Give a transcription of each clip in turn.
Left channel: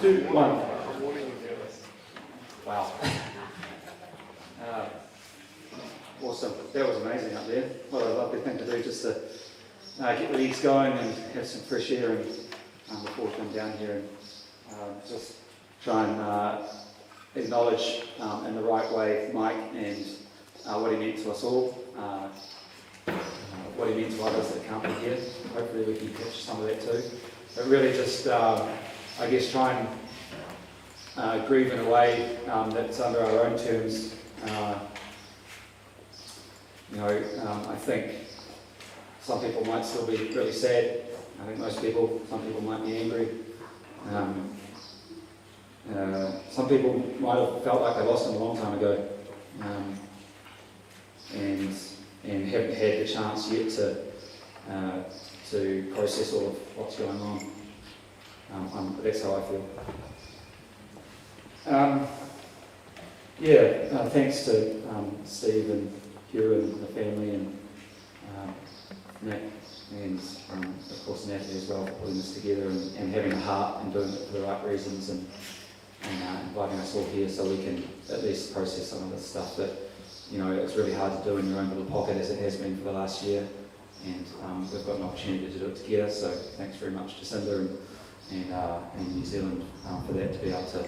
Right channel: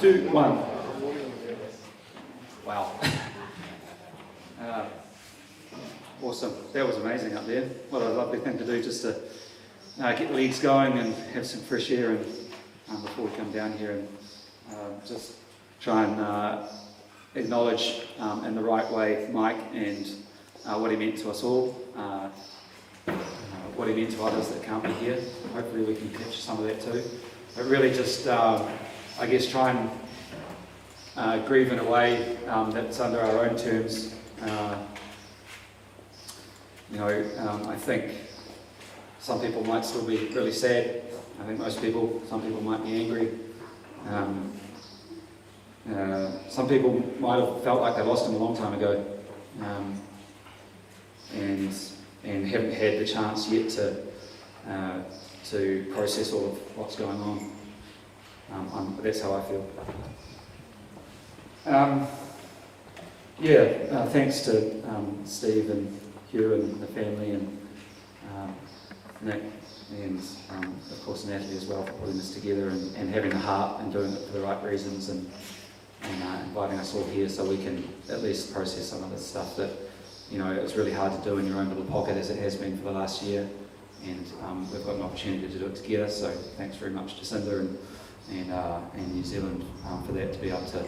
3, 2, 1. Wow. Awesome. That was amazing up there. What a lovely thing to do, just to get the legs going and have some fresh air and, before we come down here and just try and acknowledge in the right way Mike and what he meant to us all, what he meant to others that can't be here. Hopefully we can capture some of that too. But really just, I guess, try and grieve in a way that's under our own terms. I think some people might still be really sad. I think some people might be angry. Some people might have felt like they lost him a long time ago, and haven't had the chance yet to process all of what's going on. That's how I feel. Thanks to Steve and Hugh and the family and Nick and of course Natalie as well for putting this together and having the heart and doing it for the right reasons and inviting us all here so we can at least process some of this stuff that it's really hard to do in your own little pocket as it has been for the last year, and we've got an opportunity to do it together. So thanks very much to Cinder and New Zealand for that, to be able to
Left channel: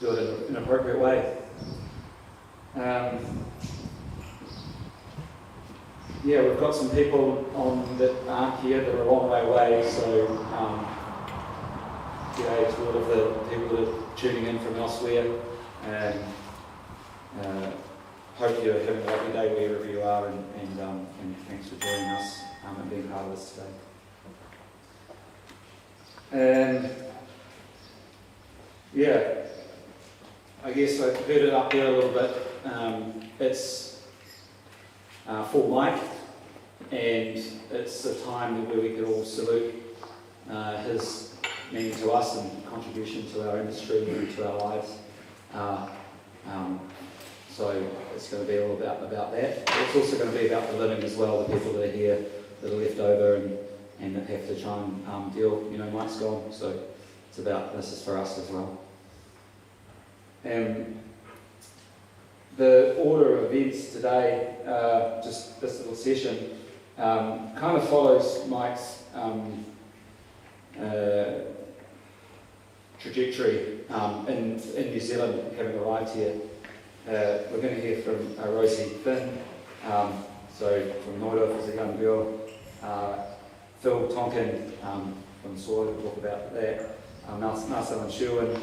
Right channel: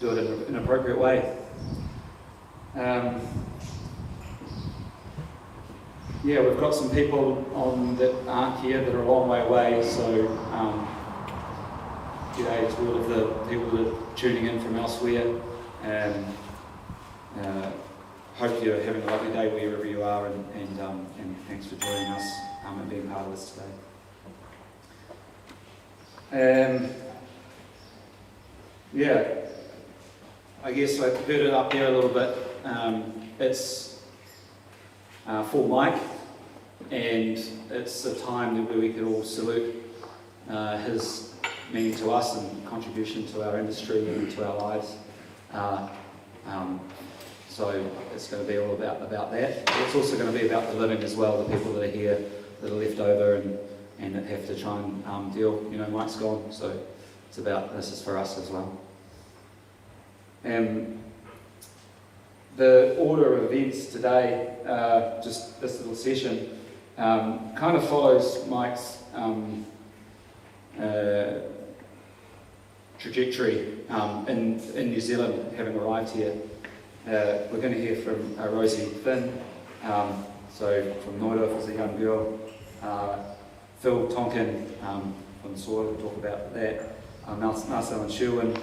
do it in an appropriate way. We've got some people on that aren't here that are a long way away, so as well of the people that are tuning in from elsewhere. Hope you're having a lovely day wherever you are, and thanks for joining us and being part of this today. I guess I've heard it up there a little bit. It's for Mike, and it's a time where we could all salute his meaning to us and contribution to our industry and to our lives. So it's going to be all about that. It's also going to be about the living as well, the people that are here, that are left over and that have to try and deal. Mike's gone, so it's about, this is for us as well. The order of events today, just this little session, kind of follows Mike's trajectory in New Zealand, having arrived here. We're going to hear from Rosie Finn, so from Noida as a young girl, Phil Tonkin from SOAR, we'll talk about that, Marcel and Sherwin,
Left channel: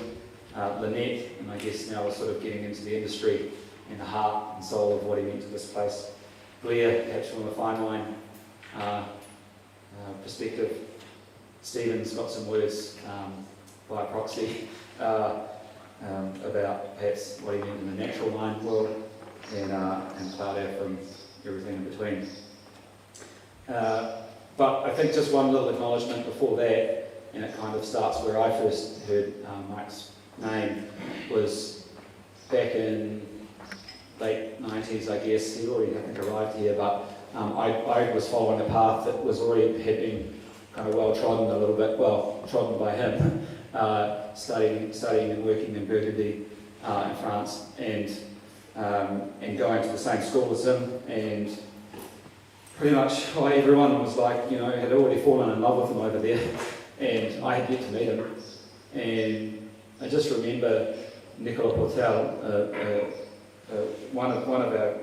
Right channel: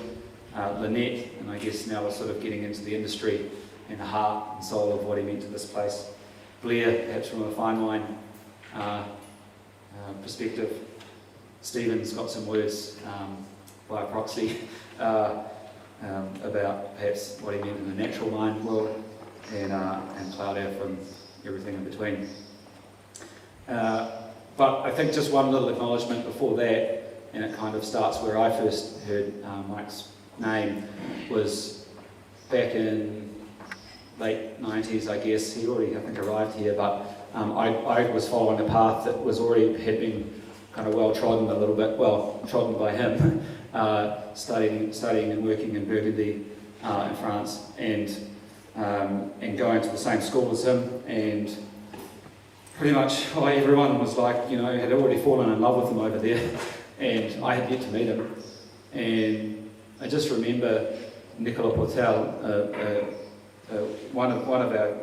Lynette, and I guess now we're sort of getting into the industry and the heart and soul of what he meant to this place. Blair, perhaps from a fine wine perspective. Stephen's got some words by proxy about perhaps what he meant in the natural wine world, and Claudia from everything in between. But I think just one little acknowledgement before that, and it kind of starts where I first heard Mike's name, was back in late 90s, I guess. He already, I think, arrived here, but I was following a path that was already had been kind of well-trodden a little bit, trodden by him, studying and working in Burgundy in France, and going to the same school as him, and pretty much everyone was like, had already fallen in love with him over there, and I had yet to meet him. And I just remember Nicola Portel, one of our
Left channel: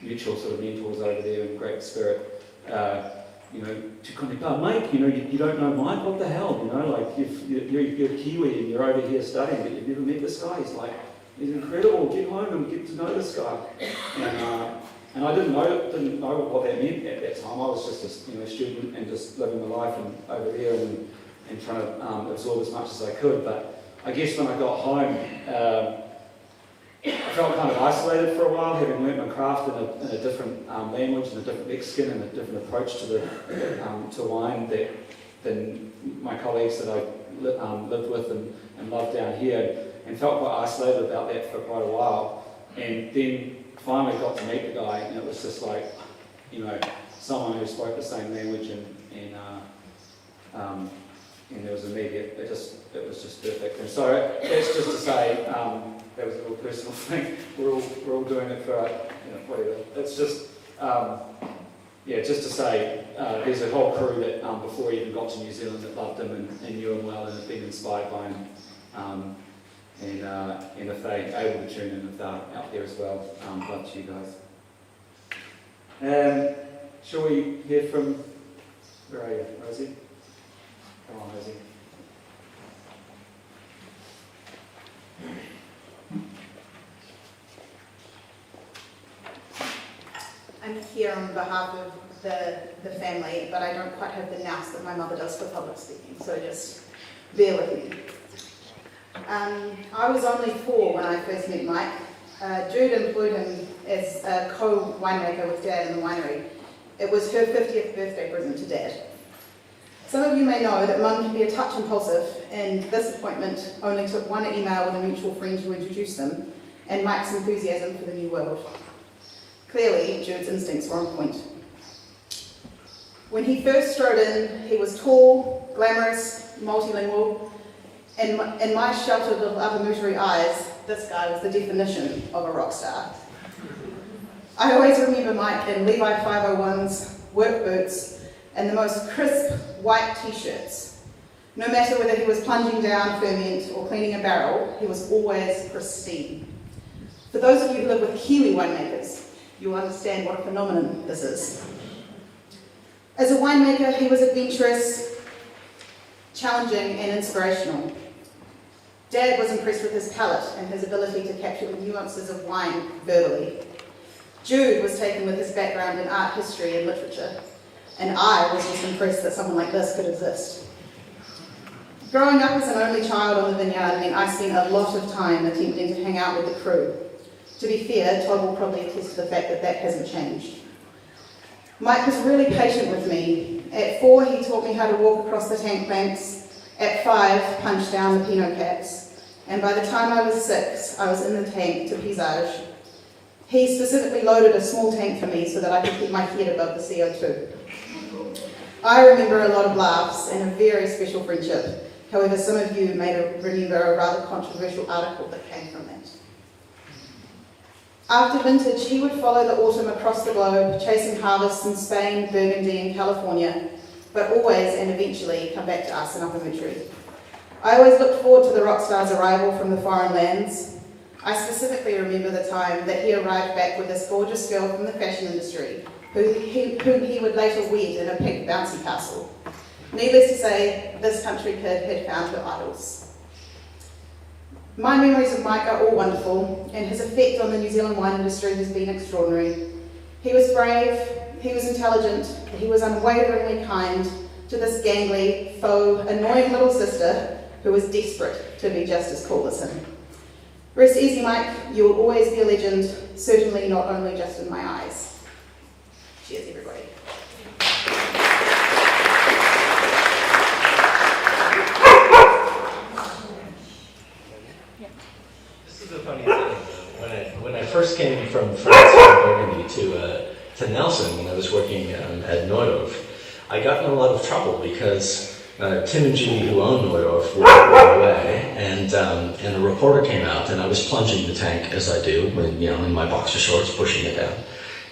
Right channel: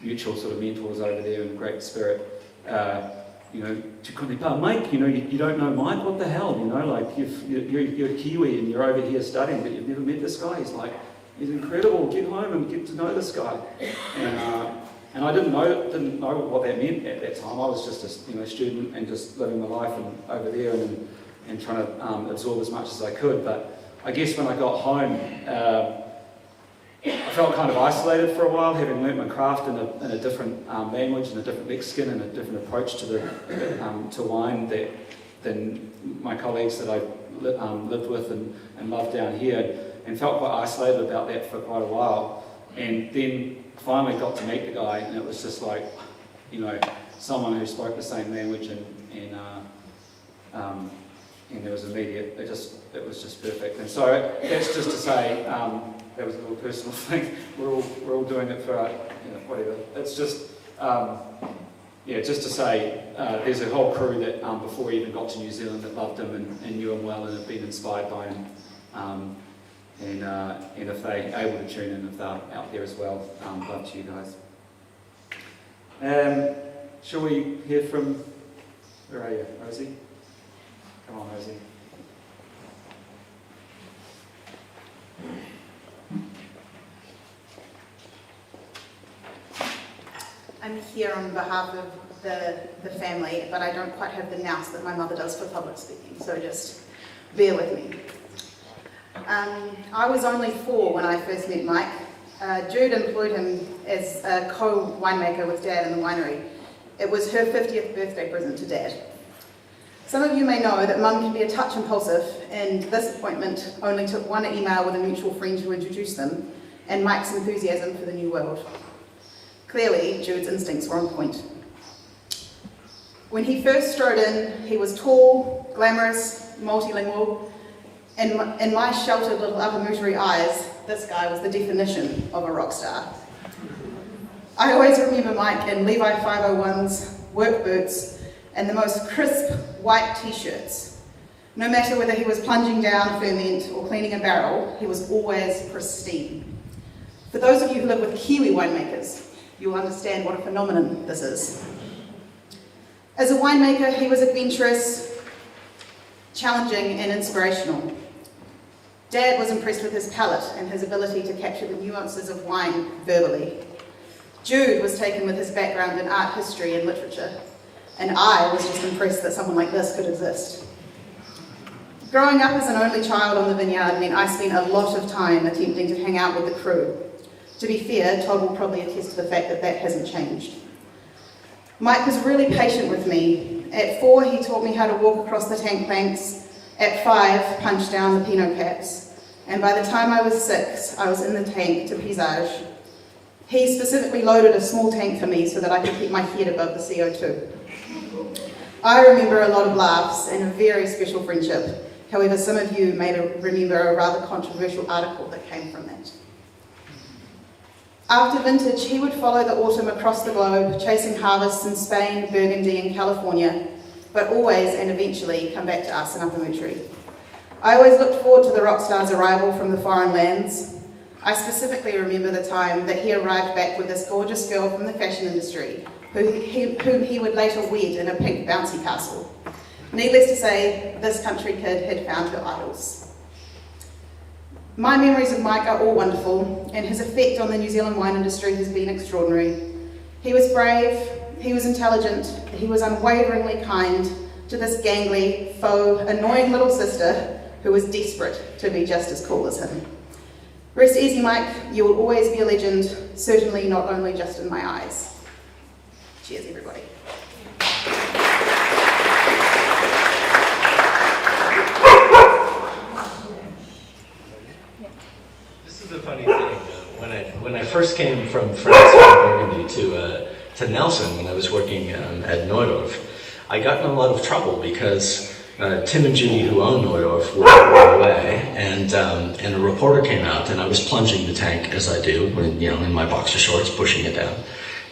mutual sort of mentors over there in great spirit, tu connais pas Mike, you don't know Mike, what the hell, like you're Kiwi and you're over here studying, but you've never met this guy. He's like, he's incredible, get home and get to know this guy. And I didn't know what that meant at that time. I was just a student and just living my life and over there and trying to absorb as much as I could. But I guess when I got home, I felt kind of isolated for a while, having learnt my craft in a different language and a different Mexican and a different approach to wine than my colleagues that I lived with and loved down here, and felt quite isolated about that for quite a while. And then finally got to meet the guy, and it was just like, someone who spoke the same language and and there was immediate, it was just perfect. And so that's just to say, that was a little personal thing. We're all doing it for, whatever. It's just, just to say, there's a whole crew that before he even got to New Zealand that loved him and knew him well and have been inspired by him. And if they're able to tune in, if they're out there as well, love to you guys. Shall we hear from, where are you, Rosie? Come on, Rosie. I'm here on behalf of the family, but I don't quite have the nous that my mother does for public speaking, so just bear with me. I was only 4 when I first met Mike. Jude employed him as a co-winemaker with Dad in the winery. It was her 50th birthday present to Dad. Some of you may know that Mum can be a touch impulsive, and this appointment only took one email with a mutual friend to introduce them, and Mike's enthusiasm for the new world. Clearly, Jude's instincts were on point. When he first strode in, he was tall, glamorous, multilingual, and in my sheltered little upper mootery eyes, this guy was the definition of a rock star. I always remember Mike in Levi 501s, work boots, and the most crisp white t-shirts. No matter whether he was plunging down ferment or cleaning a barrel, he was always pristine. For those of you who live with Kiwi winemakers, you'll understand what a phenomenon this is. As a winemaker, he was adventurous, challenging, and inspirational. Dad was impressed with his palate and his ability to capture the nuances of wine verbally. Jude was taken with his background in art history and literature, and I was just impressed that someone like this could exist. Growing up as an only child on the vineyard meant I spent a lot of time attempting to hang out with the crew. To be fair, Todd will probably attest to the fact that that hasn't changed. Mike was really patient with me. At 4, he taught me how to walk across the tank banks. At 5, punched down the Pinot caps. And by the time I was 6, I was in the tank to pizzazz. He specifically loaded a small tank for me so that I could keep my head above the CO2. I remember a lot of laughs and a very special friendship. However, some of you may remember a rather controversial article that came from that. After vintage, he would follow the autumn across the globe, chasing harvests in Spain, Burgundy, and California, but always and eventually come back to us in Upper Mootery. I always looked forward to the rock star's arrival from the foreign lands. I specifically remember the time that he arrived back with this gorgeous girl from the fashion industry, whom he would later wed in a pink bouncy castle. Needless to say, this country kid had found her idols. My memories of Mike are all wonderful, and his effect on the New Zealand wine industry has been extraordinary. He was brave, he was intelligent, he was unwaveringly kind to this gangly, faux, annoying little sister who was desperate to be just as cool as him. Rest easy, Mike, you will always be a legend, certainly not only just in my eyes. Cheers, everybody. This is a funny thing. When I first came from France, from Burgundy to Nelson, when I was working at Neudorf, I got in a lot of trouble because Tim and Judy, who own Neudorf, were away, and a reporter came out, and I was plunging the tank as I do, in my boxer shorts, pushing it down,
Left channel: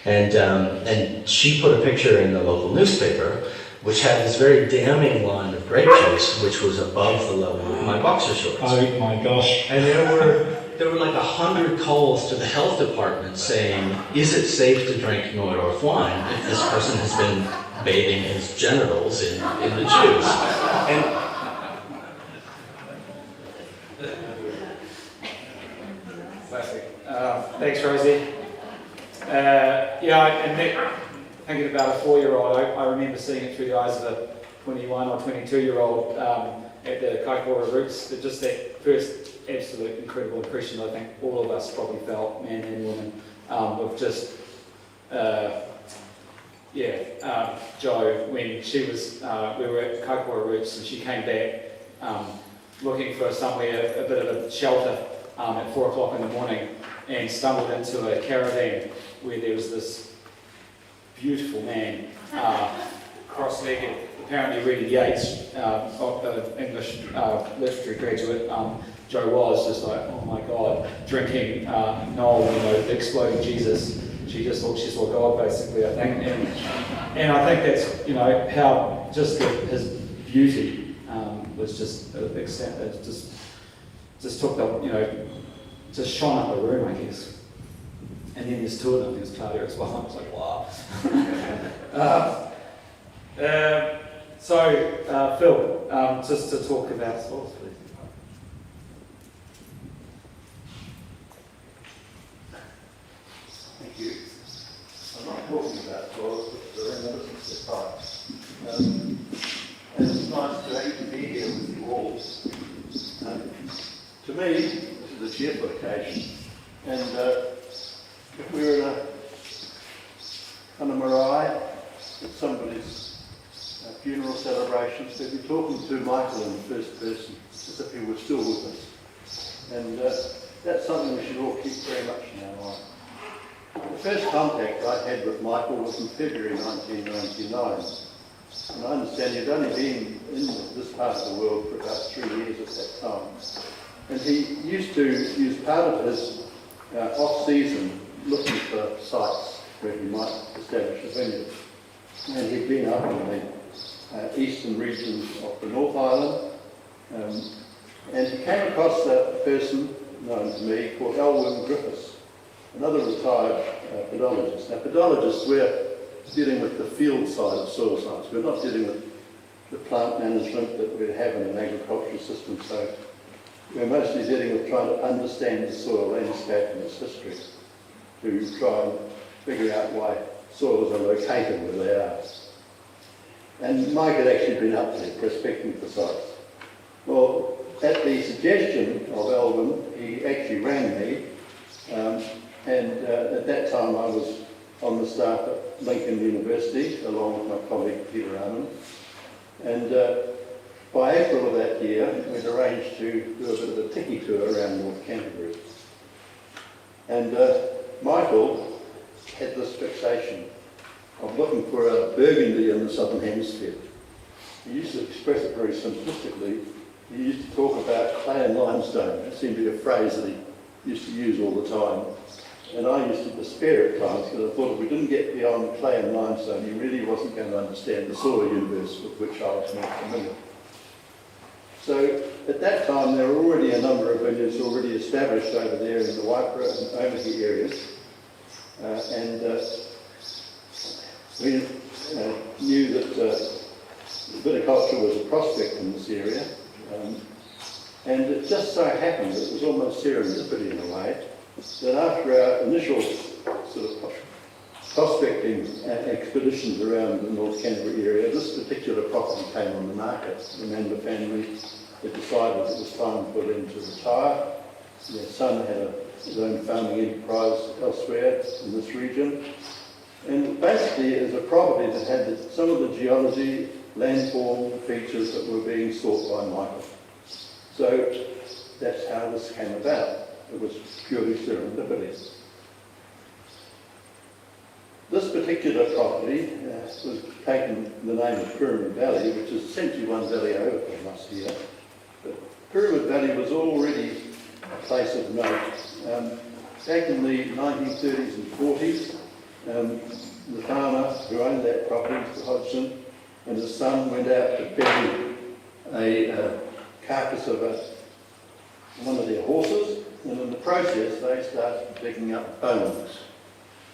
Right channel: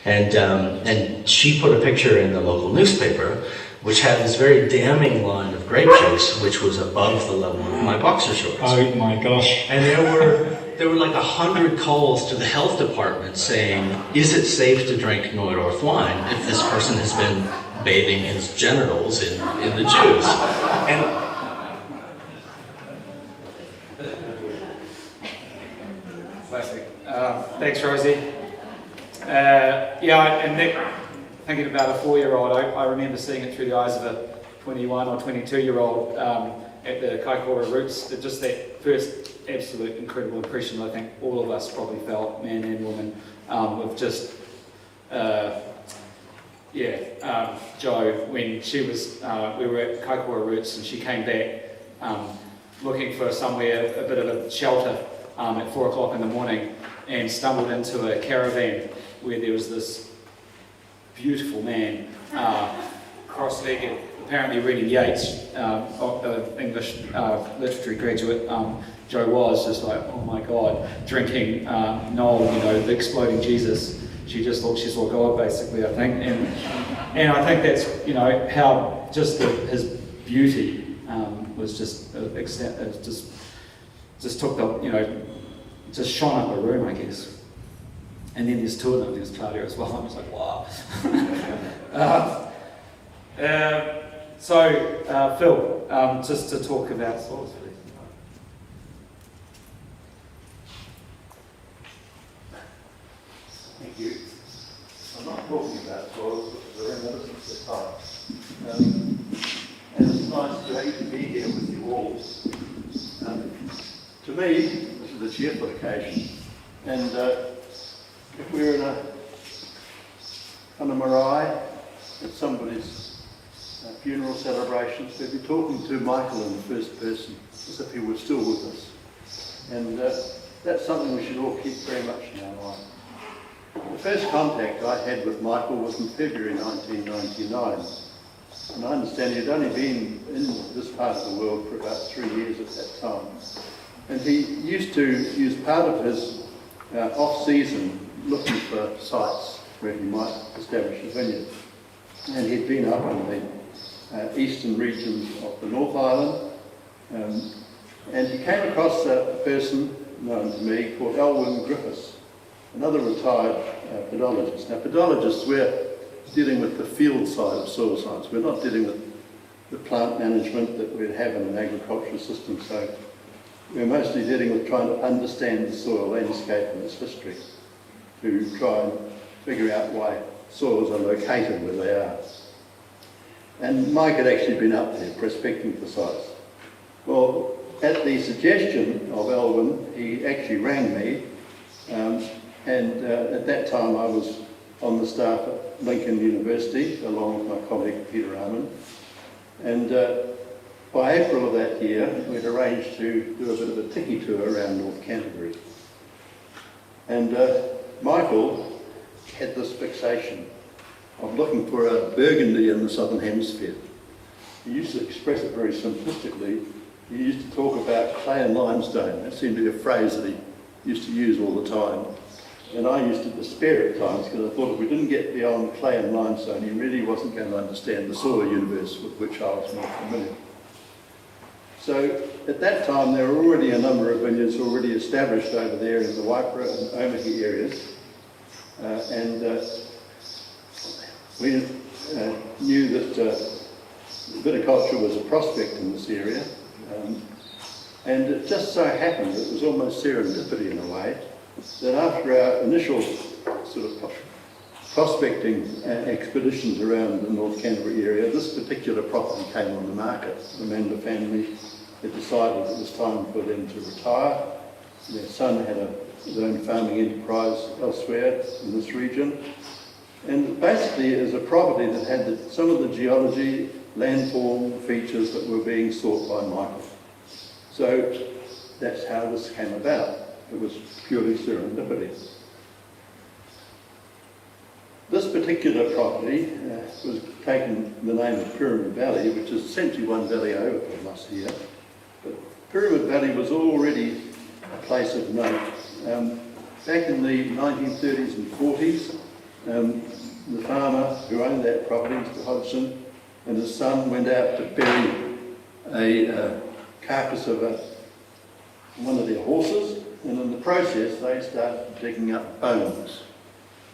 and she put a picture in the local newspaper, which had this very damning line of grape juice, which was above the level of my boxer shorts. Oh my gosh! And there were like 100 calls to the health department saying, "Is it safe to drink Neudorf wine if this person has been bathing his genitals in the juice?" And Classic. Thanks, Rosie. And Nick, thinking about a 4-year-old, I remember seeing it through the eyes of a 21 or 22-year-old at the Kaikoura Roots. Just that first absolute incredible impression I think all of us probably felt, man and woman, of just, Jo, when she was, we were at Kaikoura Roots and she came back looking for somewhere, a bit of a shelter at 4 o'clock in the morning, and stumbled into a caravan where there was this beautiful man, cross-legged, apparently reading Yeats, English literature graduate, Jo was just like, oh my God, drinking Noel, you know, the exploding Jesus. She just thought she saw God, basically, I think. And I think that's, you know, how just his beauty was just, just took the, you know, just shone up the room, I guess. And then there's two of them, there's Claudia as well. I was like, wow. So, Phil, just to talk about soils, please. Thank you. I'm not talking about soils, but they're in the business of time. And it's nice to be here with you all. To me, this is a cheerful occasion. And if we were in on a marae at somebody's funeral celebrations, we'd be talking to Michael in the first person, as if he were still with us. And that's something we should all keep very much in our mind. The first contact I had with Michael was in February 1999. And I understand he'd only been in this part of the world for about 3 years at that time. And he used to use part of his off-season looking for sites where he might establish a vineyard. And he'd been up in the eastern regions of the North Island. And he came across a person known to me called Elwyn Griffiths, another retired pedologist. Now, pedologists, we're dealing with the field side of soil science. We're not dealing with the plant management that we'd have in an agricultural system. So we're mostly dealing with trying to understand the soil landscape and its history to try and figure out why soils are located where they are. And Mike had actually been up there prospecting for sites. Well, at the suggestion of Elwyn, he actually rang me. And at that time I was on the staff at Lincoln University along with my colleague Peter Arman. And by April of that year we'd arranged to do a bit of a tiki tour around North Canterbury. And Michael had this fixation of looking for a Burgundy in the Southern Hemisphere. He used to express it very simplistically. He used to talk about clay and limestone. That seemed to be a phrase that he used to use all the time. And I used to despair at times because I thought if we didn't get beyond clay and limestone, he really wasn't going to understand the soil universe with which I was more familiar. So at that time, there were already a number of vineyards already established over there in the Waipara and Omahi areas. We knew that viticulture was a prospect in this area. And it just so happened, it was almost serendipity in a way, that after our initial sort of prospecting expeditions around the North Canterbury area, this particular property came on the market. The member family had decided it was time for them to retire. Their son had his own farming enterprise elsewhere in this region. And basically it was a property that had some of the geology, landform features that were being sought by Michael. So that's how this came about. It was purely serendipity. This particular property was taken the name of Pyramid Valley, which is essentially one valley over from us here. But Pyramid Valley was already a place of note. Back in the 1930s and 40s, the farmer who owned that property, Mr. Hodgson, and his son went out to bury a carcass of one of their horses, and in the process they started digging up bones.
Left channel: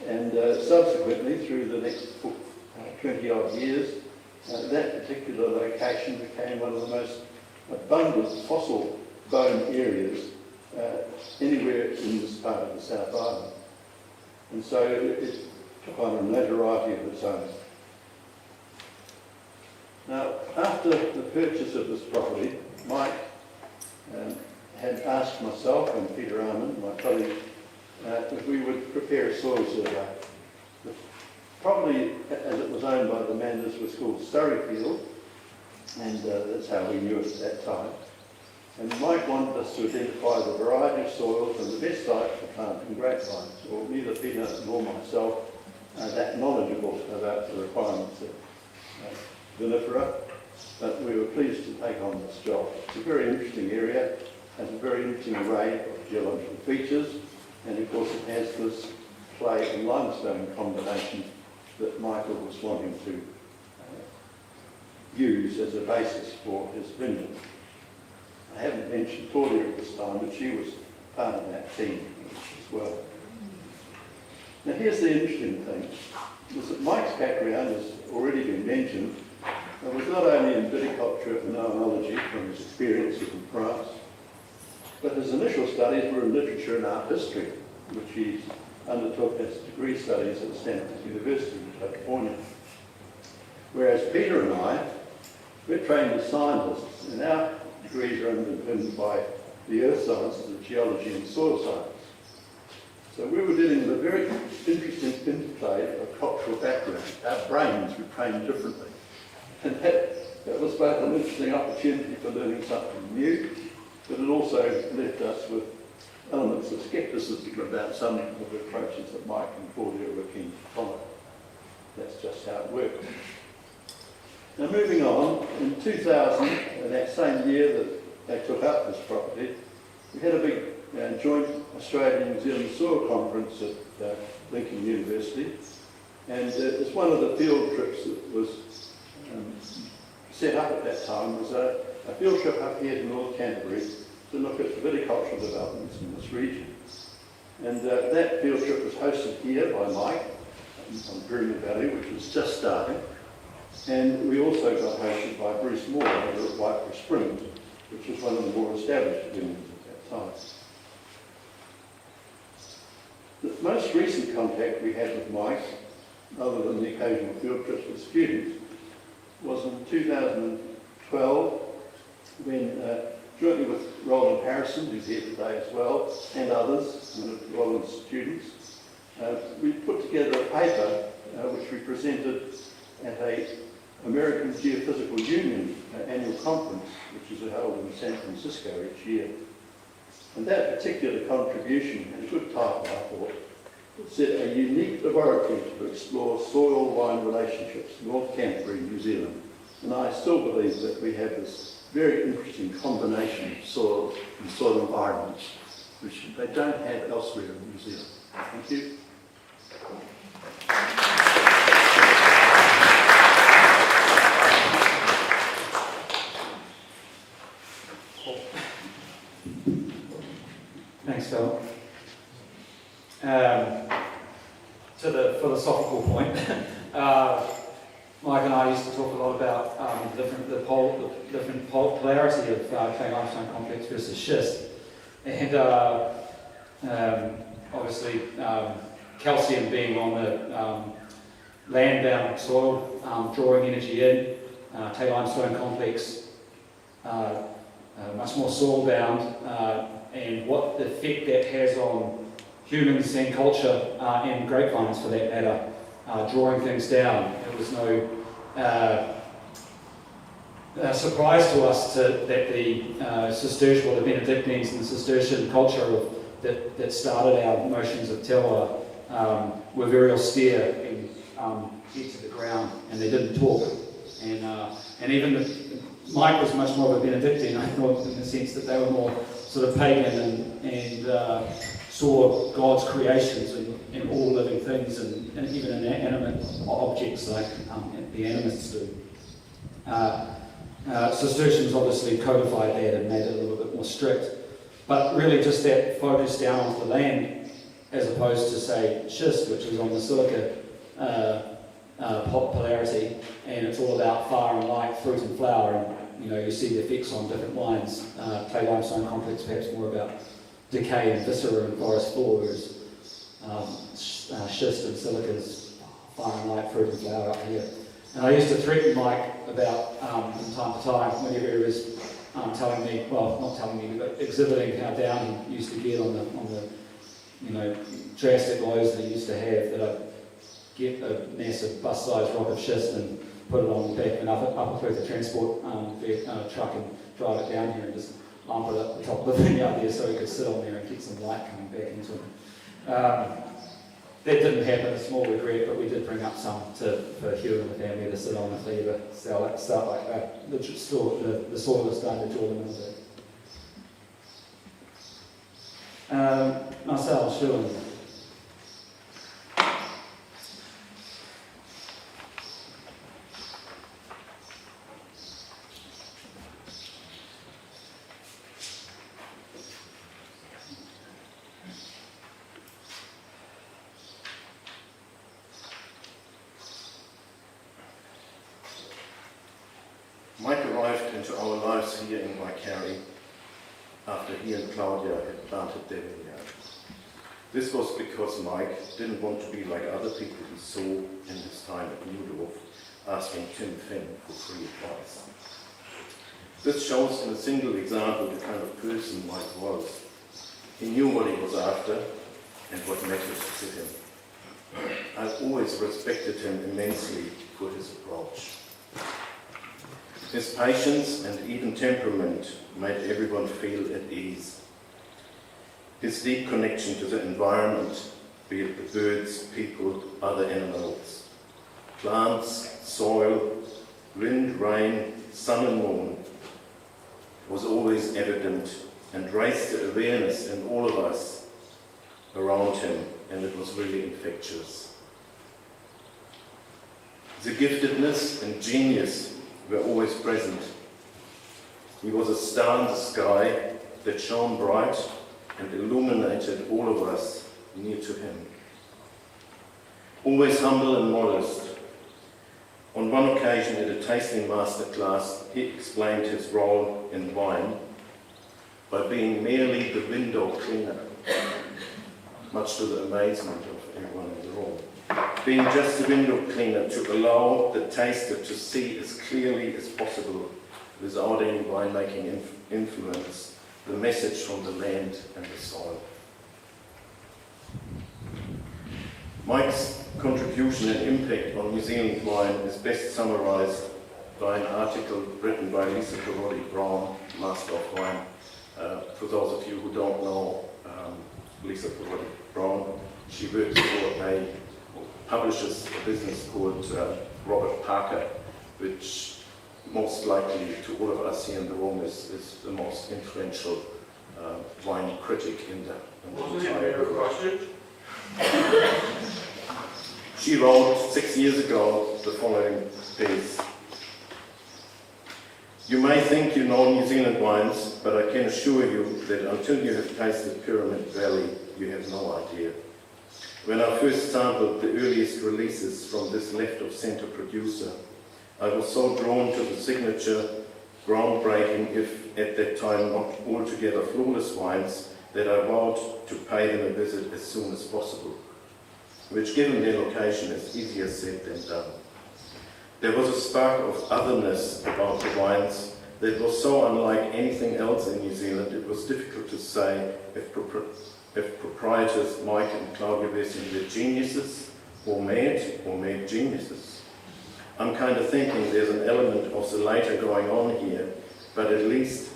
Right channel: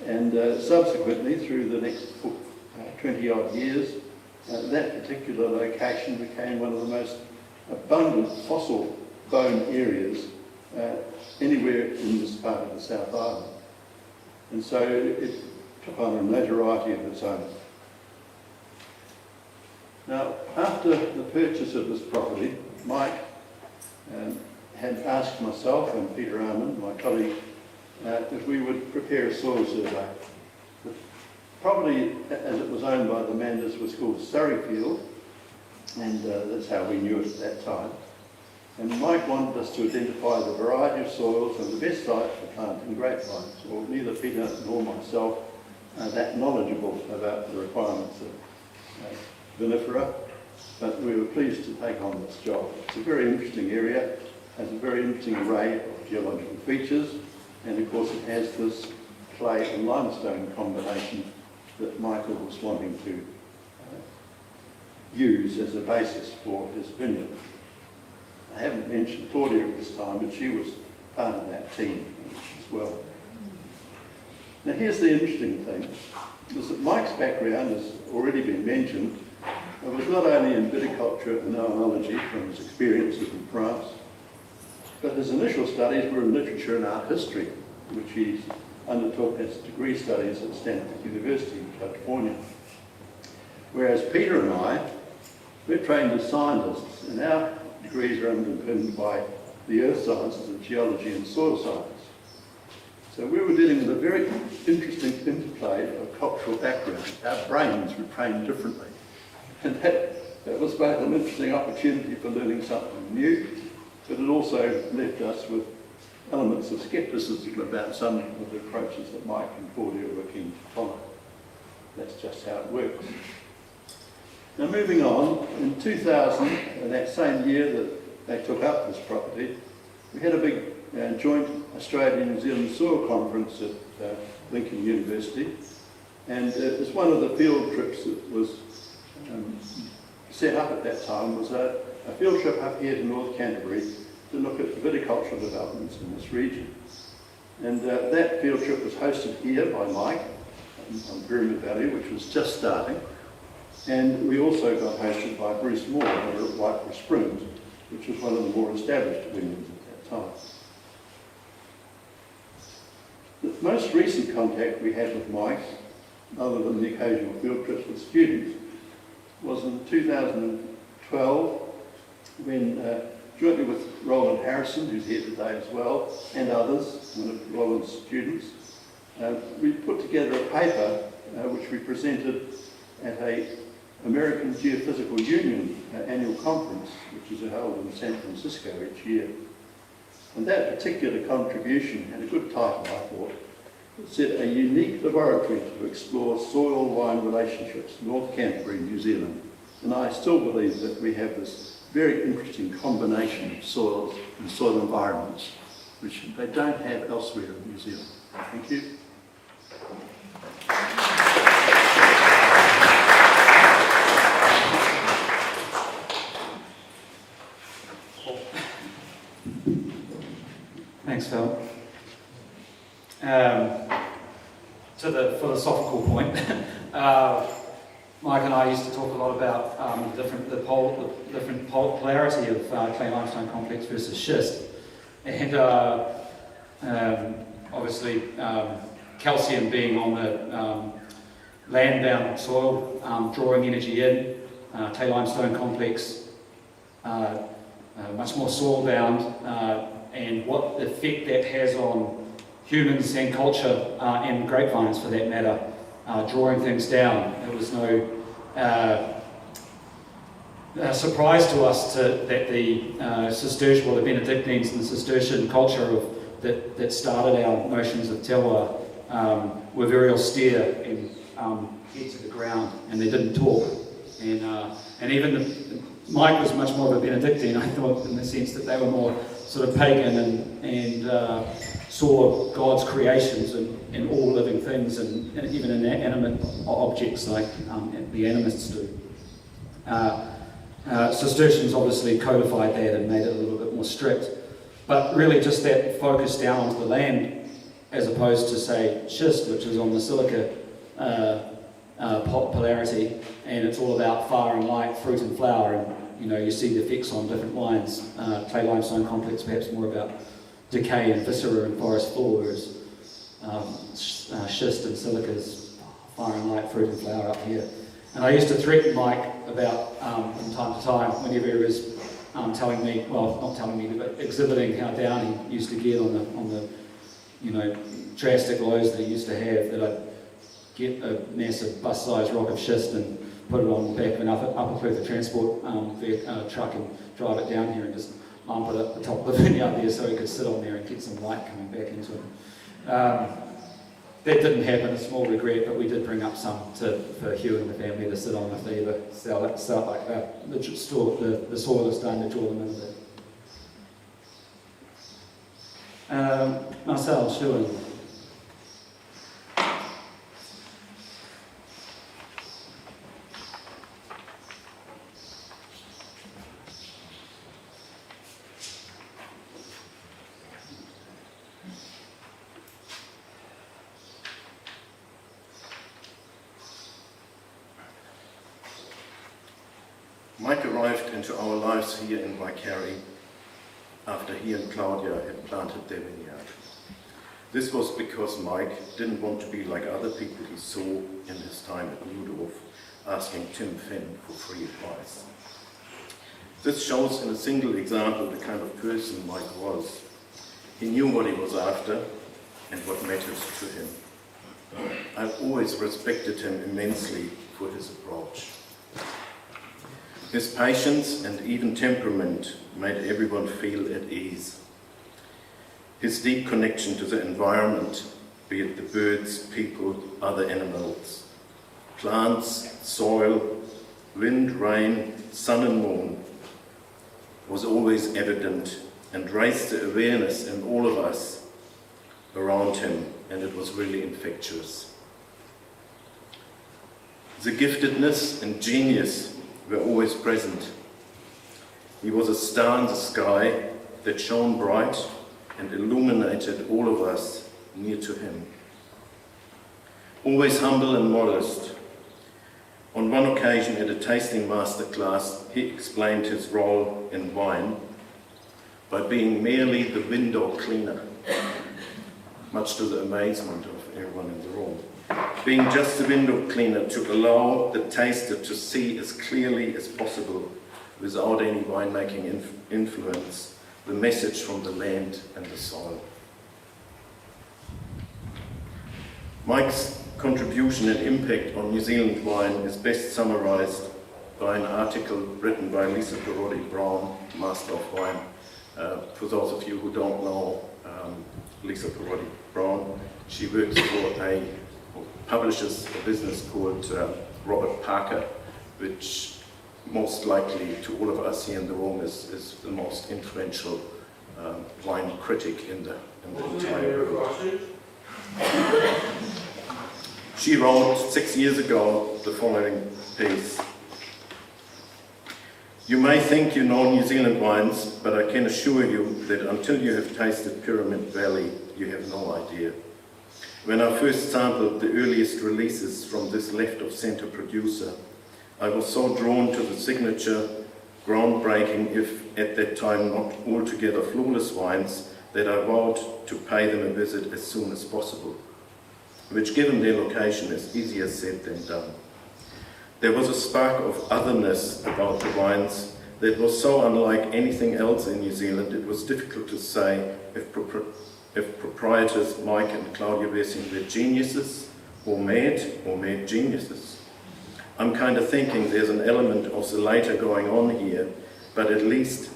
And subsequently, through the next 20 odd years, that particular location became one of the most abundant fossil bone areas anywhere in this part of the South Island. And so it took on a notoriety of its own. Now, after the purchase of this property, Mike had asked myself and Peter Arman, my colleague, if we would prepare a soil survey. The property, as it was owned by the Manders, was called Surreyfield, and that's how we knew it at that time. And Mike wanted us to identify the variety of soils and the best site for planting grapevines. Well, neither Peter nor myself are that knowledgeable about the requirements of vinifera but we were pleased to take on this job. It's a very interesting area, has a very interesting array of geological features, and of course it has this clay and limestone combination that Michael was wanting to use as a basis for his vineyard. I haven't mentioned Claudia at this time, but she was part of that team as well. Now here's the interesting thing, is that Mike's background has already been mentioned. It was not only in viticulture and oenology from his experiences in France, but his initial studies were in literature and art history, which he undertook as degree studies at Stanford University in California. Whereas Peter and I, we're trained as scientists, and our degrees are underpinned by the earth sciences of geology and soil science. So we were dealing with a very interesting interplay of cultural background. Our brains were trained differently. And that was both an interesting opportunity for learning something new, but it also left us with elements of scepticism about some of the approaches that Mike and Claudia were keen to follow. That's just how it works. Now moving on, in 2000, in that same year that they took up this property, we had a big joint Australian-New Zealand soil conference at Lincoln University, and it was one of the field trips that was set up at that time was a field trip up here to North Canterbury to look at viticultural developments in this region. And that field trip was hosted here by Mike on Grooming Valley, which was just starting. And we also got hosted by Bruce Moore over at White Springs, which was one of the more established vineyards at that time. The most recent contact we had with Mike, other than the occasional field trips with students, was in 2012 when, jointly with Roland Harrison, who's here today as well, and others, one of Roland's students, we put together a paper which we presented at a American Geophysical Union annual conference, which is held in San Francisco each year. And that particular contribution had a good title, I thought. It said, "A unique laboratory to explore soil-wine relationships, North Canterbury, New Zealand." And I still believe that we have this very interesting combination of soils and soil environments, which they don't have elsewhere in New Zealand. Thank you. Thanks, Phil. To the philosophical point, Mike and I used to talk a lot about the different polarity of clay limestone complex versus schist, and obviously calcium being on the land-bound soil, drawing energy in, clay limestone complex much more soil-bound, and what effect that has on humans and culture and grapevines for that matter, drawing things down. There was no surprise to us that the Cistercian, or the Benedictines and the Cistercian culture that started our notions of terroir were very austere and head to the ground, and they didn't talk. And even Mike was much more of a Benedictine, I thought, in the sense that they were more sort of pagan and saw God's creations in all living things and even in animate objects like the animists do. Cistercians obviously codified that and made it a little bit more strict, but really just that focus down onto the land as opposed to, say, schist, which is on the silica polarity, and it's all about fire and light, fruit and flower, and you see the effects on different wines. Clay limestone complex perhaps more about decay and viscera and forest floor, whereas schist and silica's fire and light, fruit and flower up here. And I used to threaten Mike about, from time to time, whenever he was telling me, well, not telling me, but exhibiting how down he used to get on the drastic lows that he used to have, that I'd get a massive bus-sized rock of schist and put it on the back of an upper Perth transport truck and drive it down here and just lump it up the top of the vineyard there so he could sit on there and get some light coming back into it. that didn't happen, a small regret, but we did bring up some for Hugh and the family to sit on if they ever start like the soil is starting to draw them into. Marcel, Schuen. Mike arrived into our lives here in Winery after he and Claudia had planted their vineyard. This was because Mike didn't want to be like other people he saw in his time at Newdorf, asking Tim Finn for free advice. This shows in a single example the kind of person Mike was. He knew what he was after and what mattered to him. I've always respected him immensely for his approach. His patience and even temperament made everyone feel at ease. His deep connection to the environment, be it the birds, people, other animals, plants, soil, wind, rain, sun and moon, was always evident and raised the awareness in all of us around him, and it was really infectious. The giftedness and genius were always present. He was a star in the sky that shone bright and illuminated all of us near to him. Always humble and modest. On one occasion at a tasting master class, he explained his role in wine by being merely the window cleaner, much to the amazement of everyone in the room. Being just a window cleaner to allow the taster to see as clearly as possible, without any winemaking influence, the message from the land and the soil. Mike's contribution and impact on New Zealand wine is best summarised by an article written by Lisa Parodi-Brown, Master of Wine. For those of you who don't know Lisa Parodi-Brown, she works for publishes a business called Robert Parker, which most likely to all of us here in the room is the most influential wine critic in the entire world. She wrote 6 years ago the following piece. You may think you know New Zealand wines, but I can assure you that until you have tasted Pyramid Valley, you have no idea. When I first sampled the earliest releases from this left-of-centre producer, I was so drawn to the signature, groundbreaking, if at that time not altogether flawless wines, that I vowed to pay them a visit as soon as possible, which given their location is easier said than done. There was a spark of otherness about the wines that was so unlike anything else in New Zealand, it was difficult to say if proprietors Mike and Claudia Weersing were geniuses or mad geniuses. I'm kind of thinking there's an element of the later going on here, but at least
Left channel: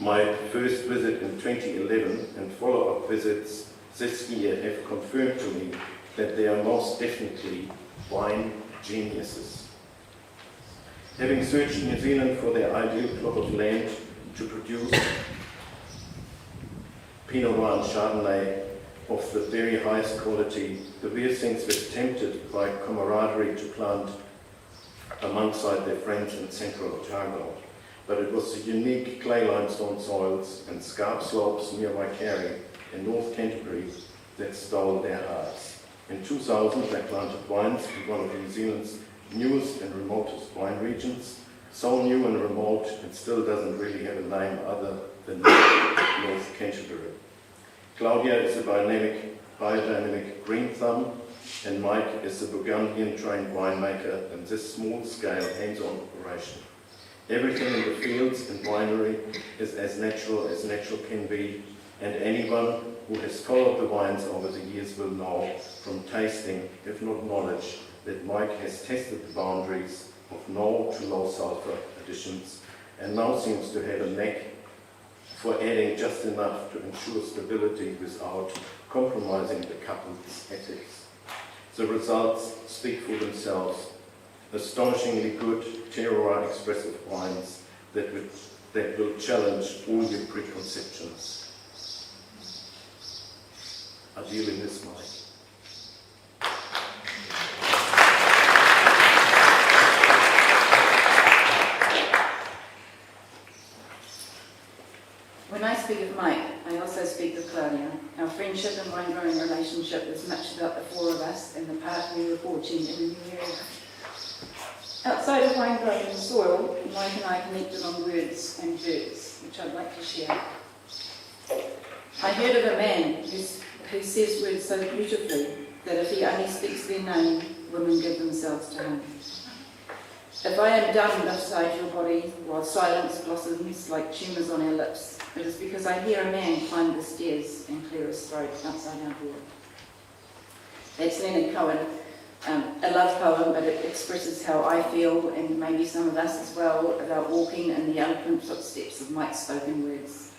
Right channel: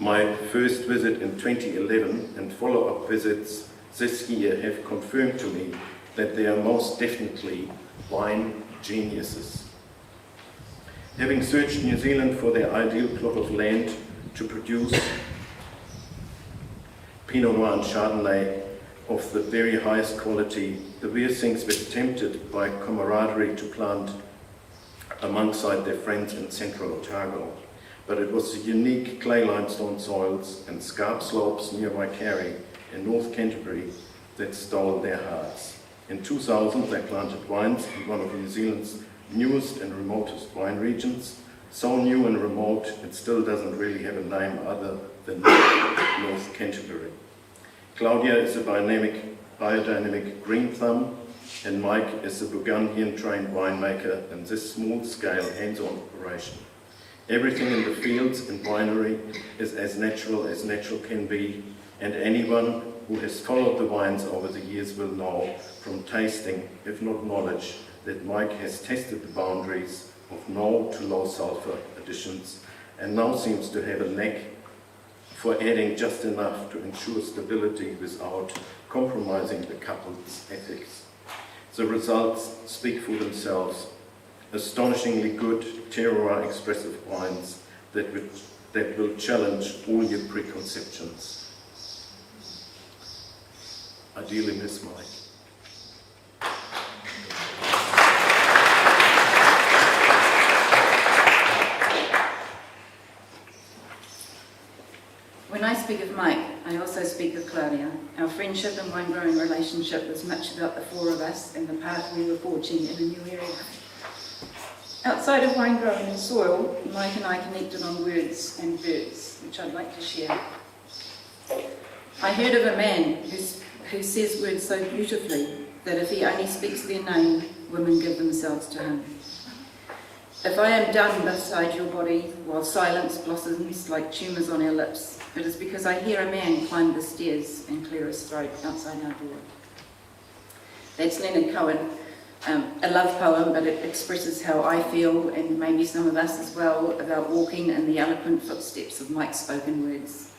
my first visit in 2011 and follow-up visits this year have confirmed to me that they are most definitely wine geniuses. Having searched New Zealand for their ideal plot of land to produce Pinot Noir and Chardonnay of the very highest quality, the Weersings were tempted by camaraderie to plant alongside their friends in central Otago. But it was the unique clay limestone soils and scarp slopes near Waikari in North Canterbury that stole their hearts. In 2000, they planted wines in one of New Zealand's newest and remotest wine regions, so new and remote it still doesn't really have a name other than North Canterbury. Claudia is a biodynamic green thumb, and Mike is a Burgundian-trained winemaker in this small-scale hands-on operation. Everything in the fields and winery is as natural can be, and anyone who has followed the wines over the years will know from tasting, if not knowledge, that Mike has tested the boundaries of no to low sulfur additions and now seems to have a knack for adding just enough to ensure stability without compromising the couple's ethics. The results speak for themselves. Astonishingly good terroir expressive wines that will challenge all your preconceptions. Ideally, Miss Mike. When I speak of Mike, I also speak of Claudia. Our friendship and wine-growing relationship was much about the four of us and the path we were forging in a new area. Outside of wine-growing and soil, Mike and I connected on words and birds, which I'd like to share. I heard of a man who says words so beautifully that if he only speaks their name, women give themselves to him. If I am dumb beside your body while silence blossoms like tumours on our lips, it is because I hear a man climb the stairs and clear his throat outside our door. That's Leonard Cohen, a love poem, but it expresses how I feel, and maybe some of us as well, about walking in the eloquent footsteps of Mike's spoken words.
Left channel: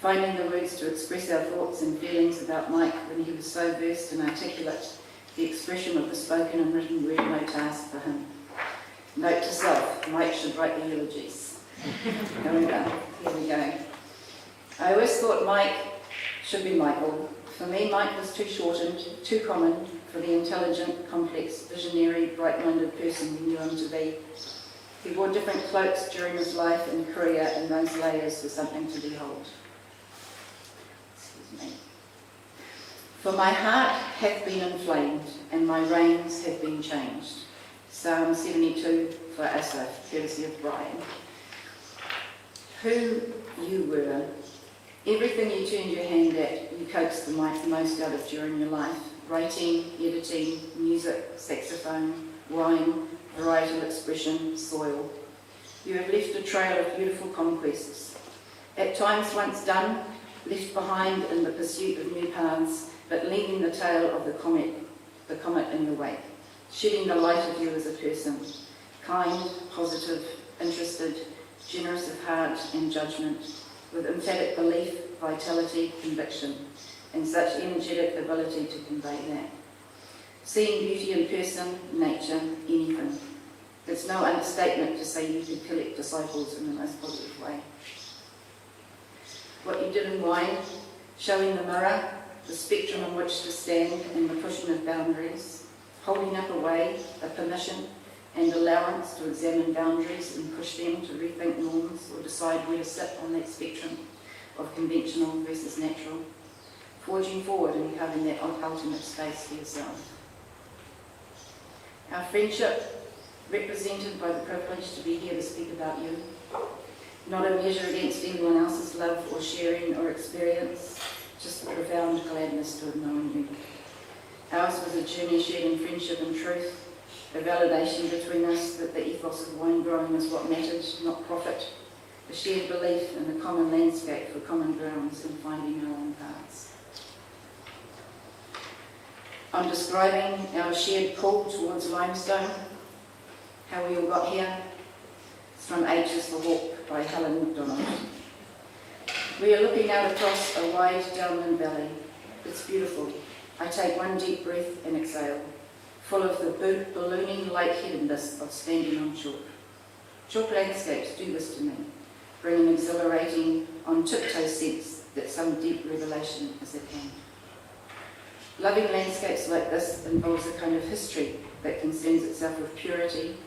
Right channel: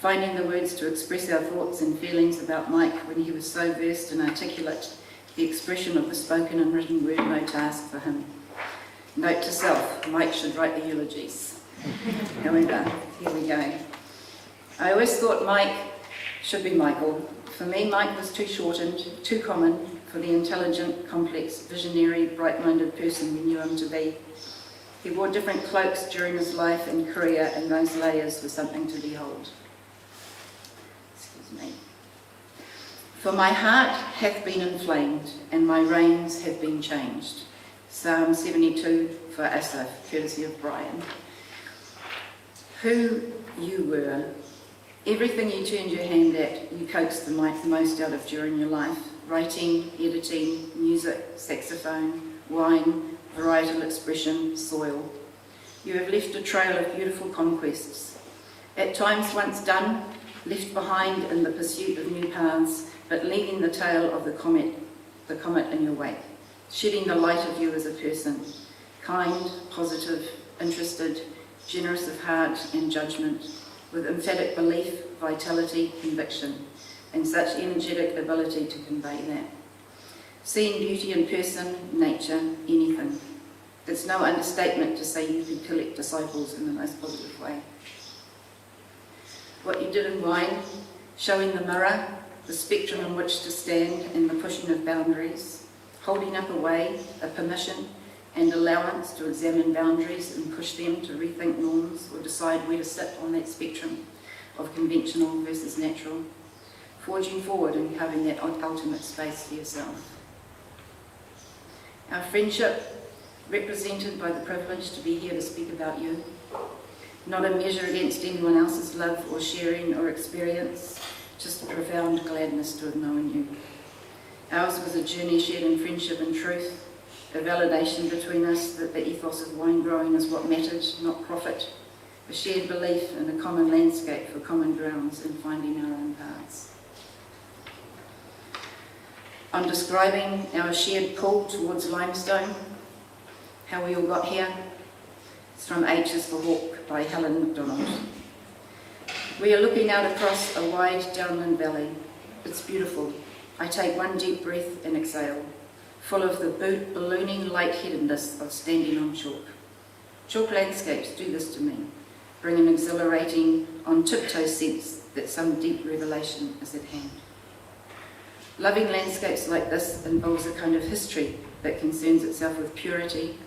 Finding the words to express our thoughts and feelings about Mike when he was so versed and articulate, the expression of the spoken and written word no task for him. Note to self, Mike should write the eulogies. Here we go. I always thought Mike should be Michael. For me, Mike was too shortened, too common for the intelligent, complex, visionary, bright-minded person we knew him to be. He wore different cloaks during his life and career, and those layers were something to behold. Excuse me. For my heart hath been inflamed, and my reins have been changed. Psalm 72 for Asaph, courtesy of Brian. Who you were, everything you turned your hand at, you coaxed the most out of during your life. Writing, editing, music, saxophone, wine, varietal expression, soil. You have left a trail of beautiful conquests. At times once done, left behind in the pursuit of new paths, but leaving the tail of the comet in your wake. Shedding the light of you as a person, kind, positive, interested, generous of heart and judgment, with emphatic belief, vitality, conviction, and such energetic ability to convey that. Seeing beauty in person, nature, anything. It's no understatement to say you could collect disciples in the most positive way. What you did in wine, showing the mirror, the spectrum on which to stand, and the pushing of boundaries, holding up a way, a permission, and allowance to examine boundaries and push them to rethink norms or decide where to sit on that spectrum of conventional versus natural, forging forward and carving that ultimate space for yourself. Our friendship, represented by the privilege to be here to speak about you, not a measure against anyone else's love or sharing or experience, just a profound gladness to have known you. Ours was a journey shared in friendship and truth, a validation between us that the ethos of wine growing is what mattered, not profit, a shared belief in a common landscape for common grounds and finding our own paths. On describing our shared pull towards limestone, how we all got here, it's from H is for Hawk by Helen MacDonald. We are looking out across a wide downland valley. It's beautiful. I take one deep breath and exhale, full of the ballooning lightheadedness of standing on chalk. Chalk landscapes do this to me, bring an exhilarating, on-tiptoe sense that some deep revelation is at hand. Loving landscapes like this involves a kind of history that concerns itself with purity,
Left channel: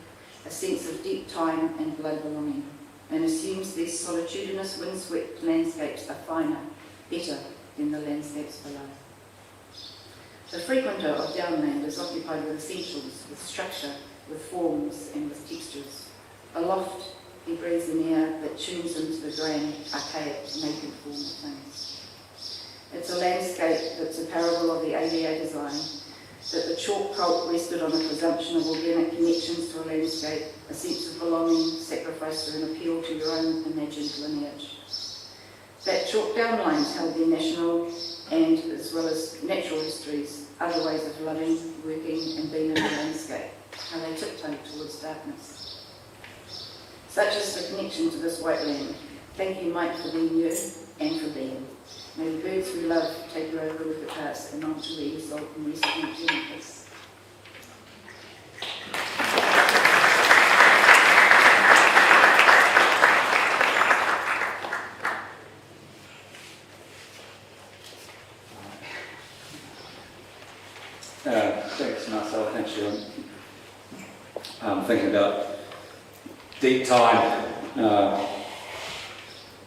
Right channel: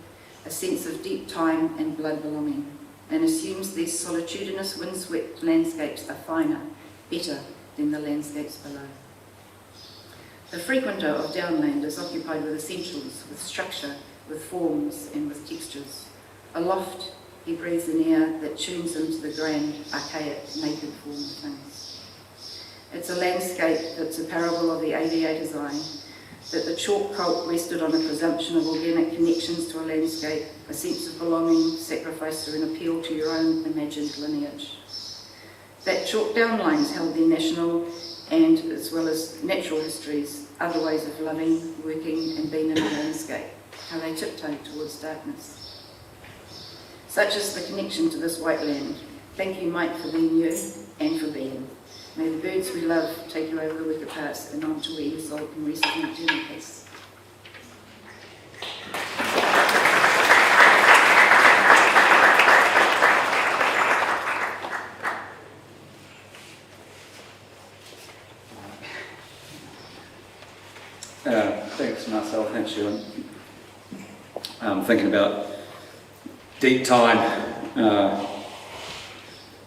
a sense of deep time and blood belonging, and assumes these solitudinous, windswept landscapes are finer, better than the landscapes below. The frequenter of downland is occupied with essentials, with structure, with forms, and with textures. Aloft, he breathes an air that tunes into the grand, archaic, naked form of things. It's a landscape that's a parable of the ADA design, that the chalk cult rested on a presumption of organic connections to a landscape, a sense of belonging, sacrifice, or an appeal to your own imagined lineage. That chalk downlines held their national and, as well as natural histories, other ways of loving, working, and being in the landscape, how they tiptoed towards darkness. Such is the connection to this white land, Thank you, Mike, for being you and for being. May the birds we love take you over with the past and on to where you sold and recently journeys. Thanks, Marcel. Thanks, Sharon. Thinking about deep time.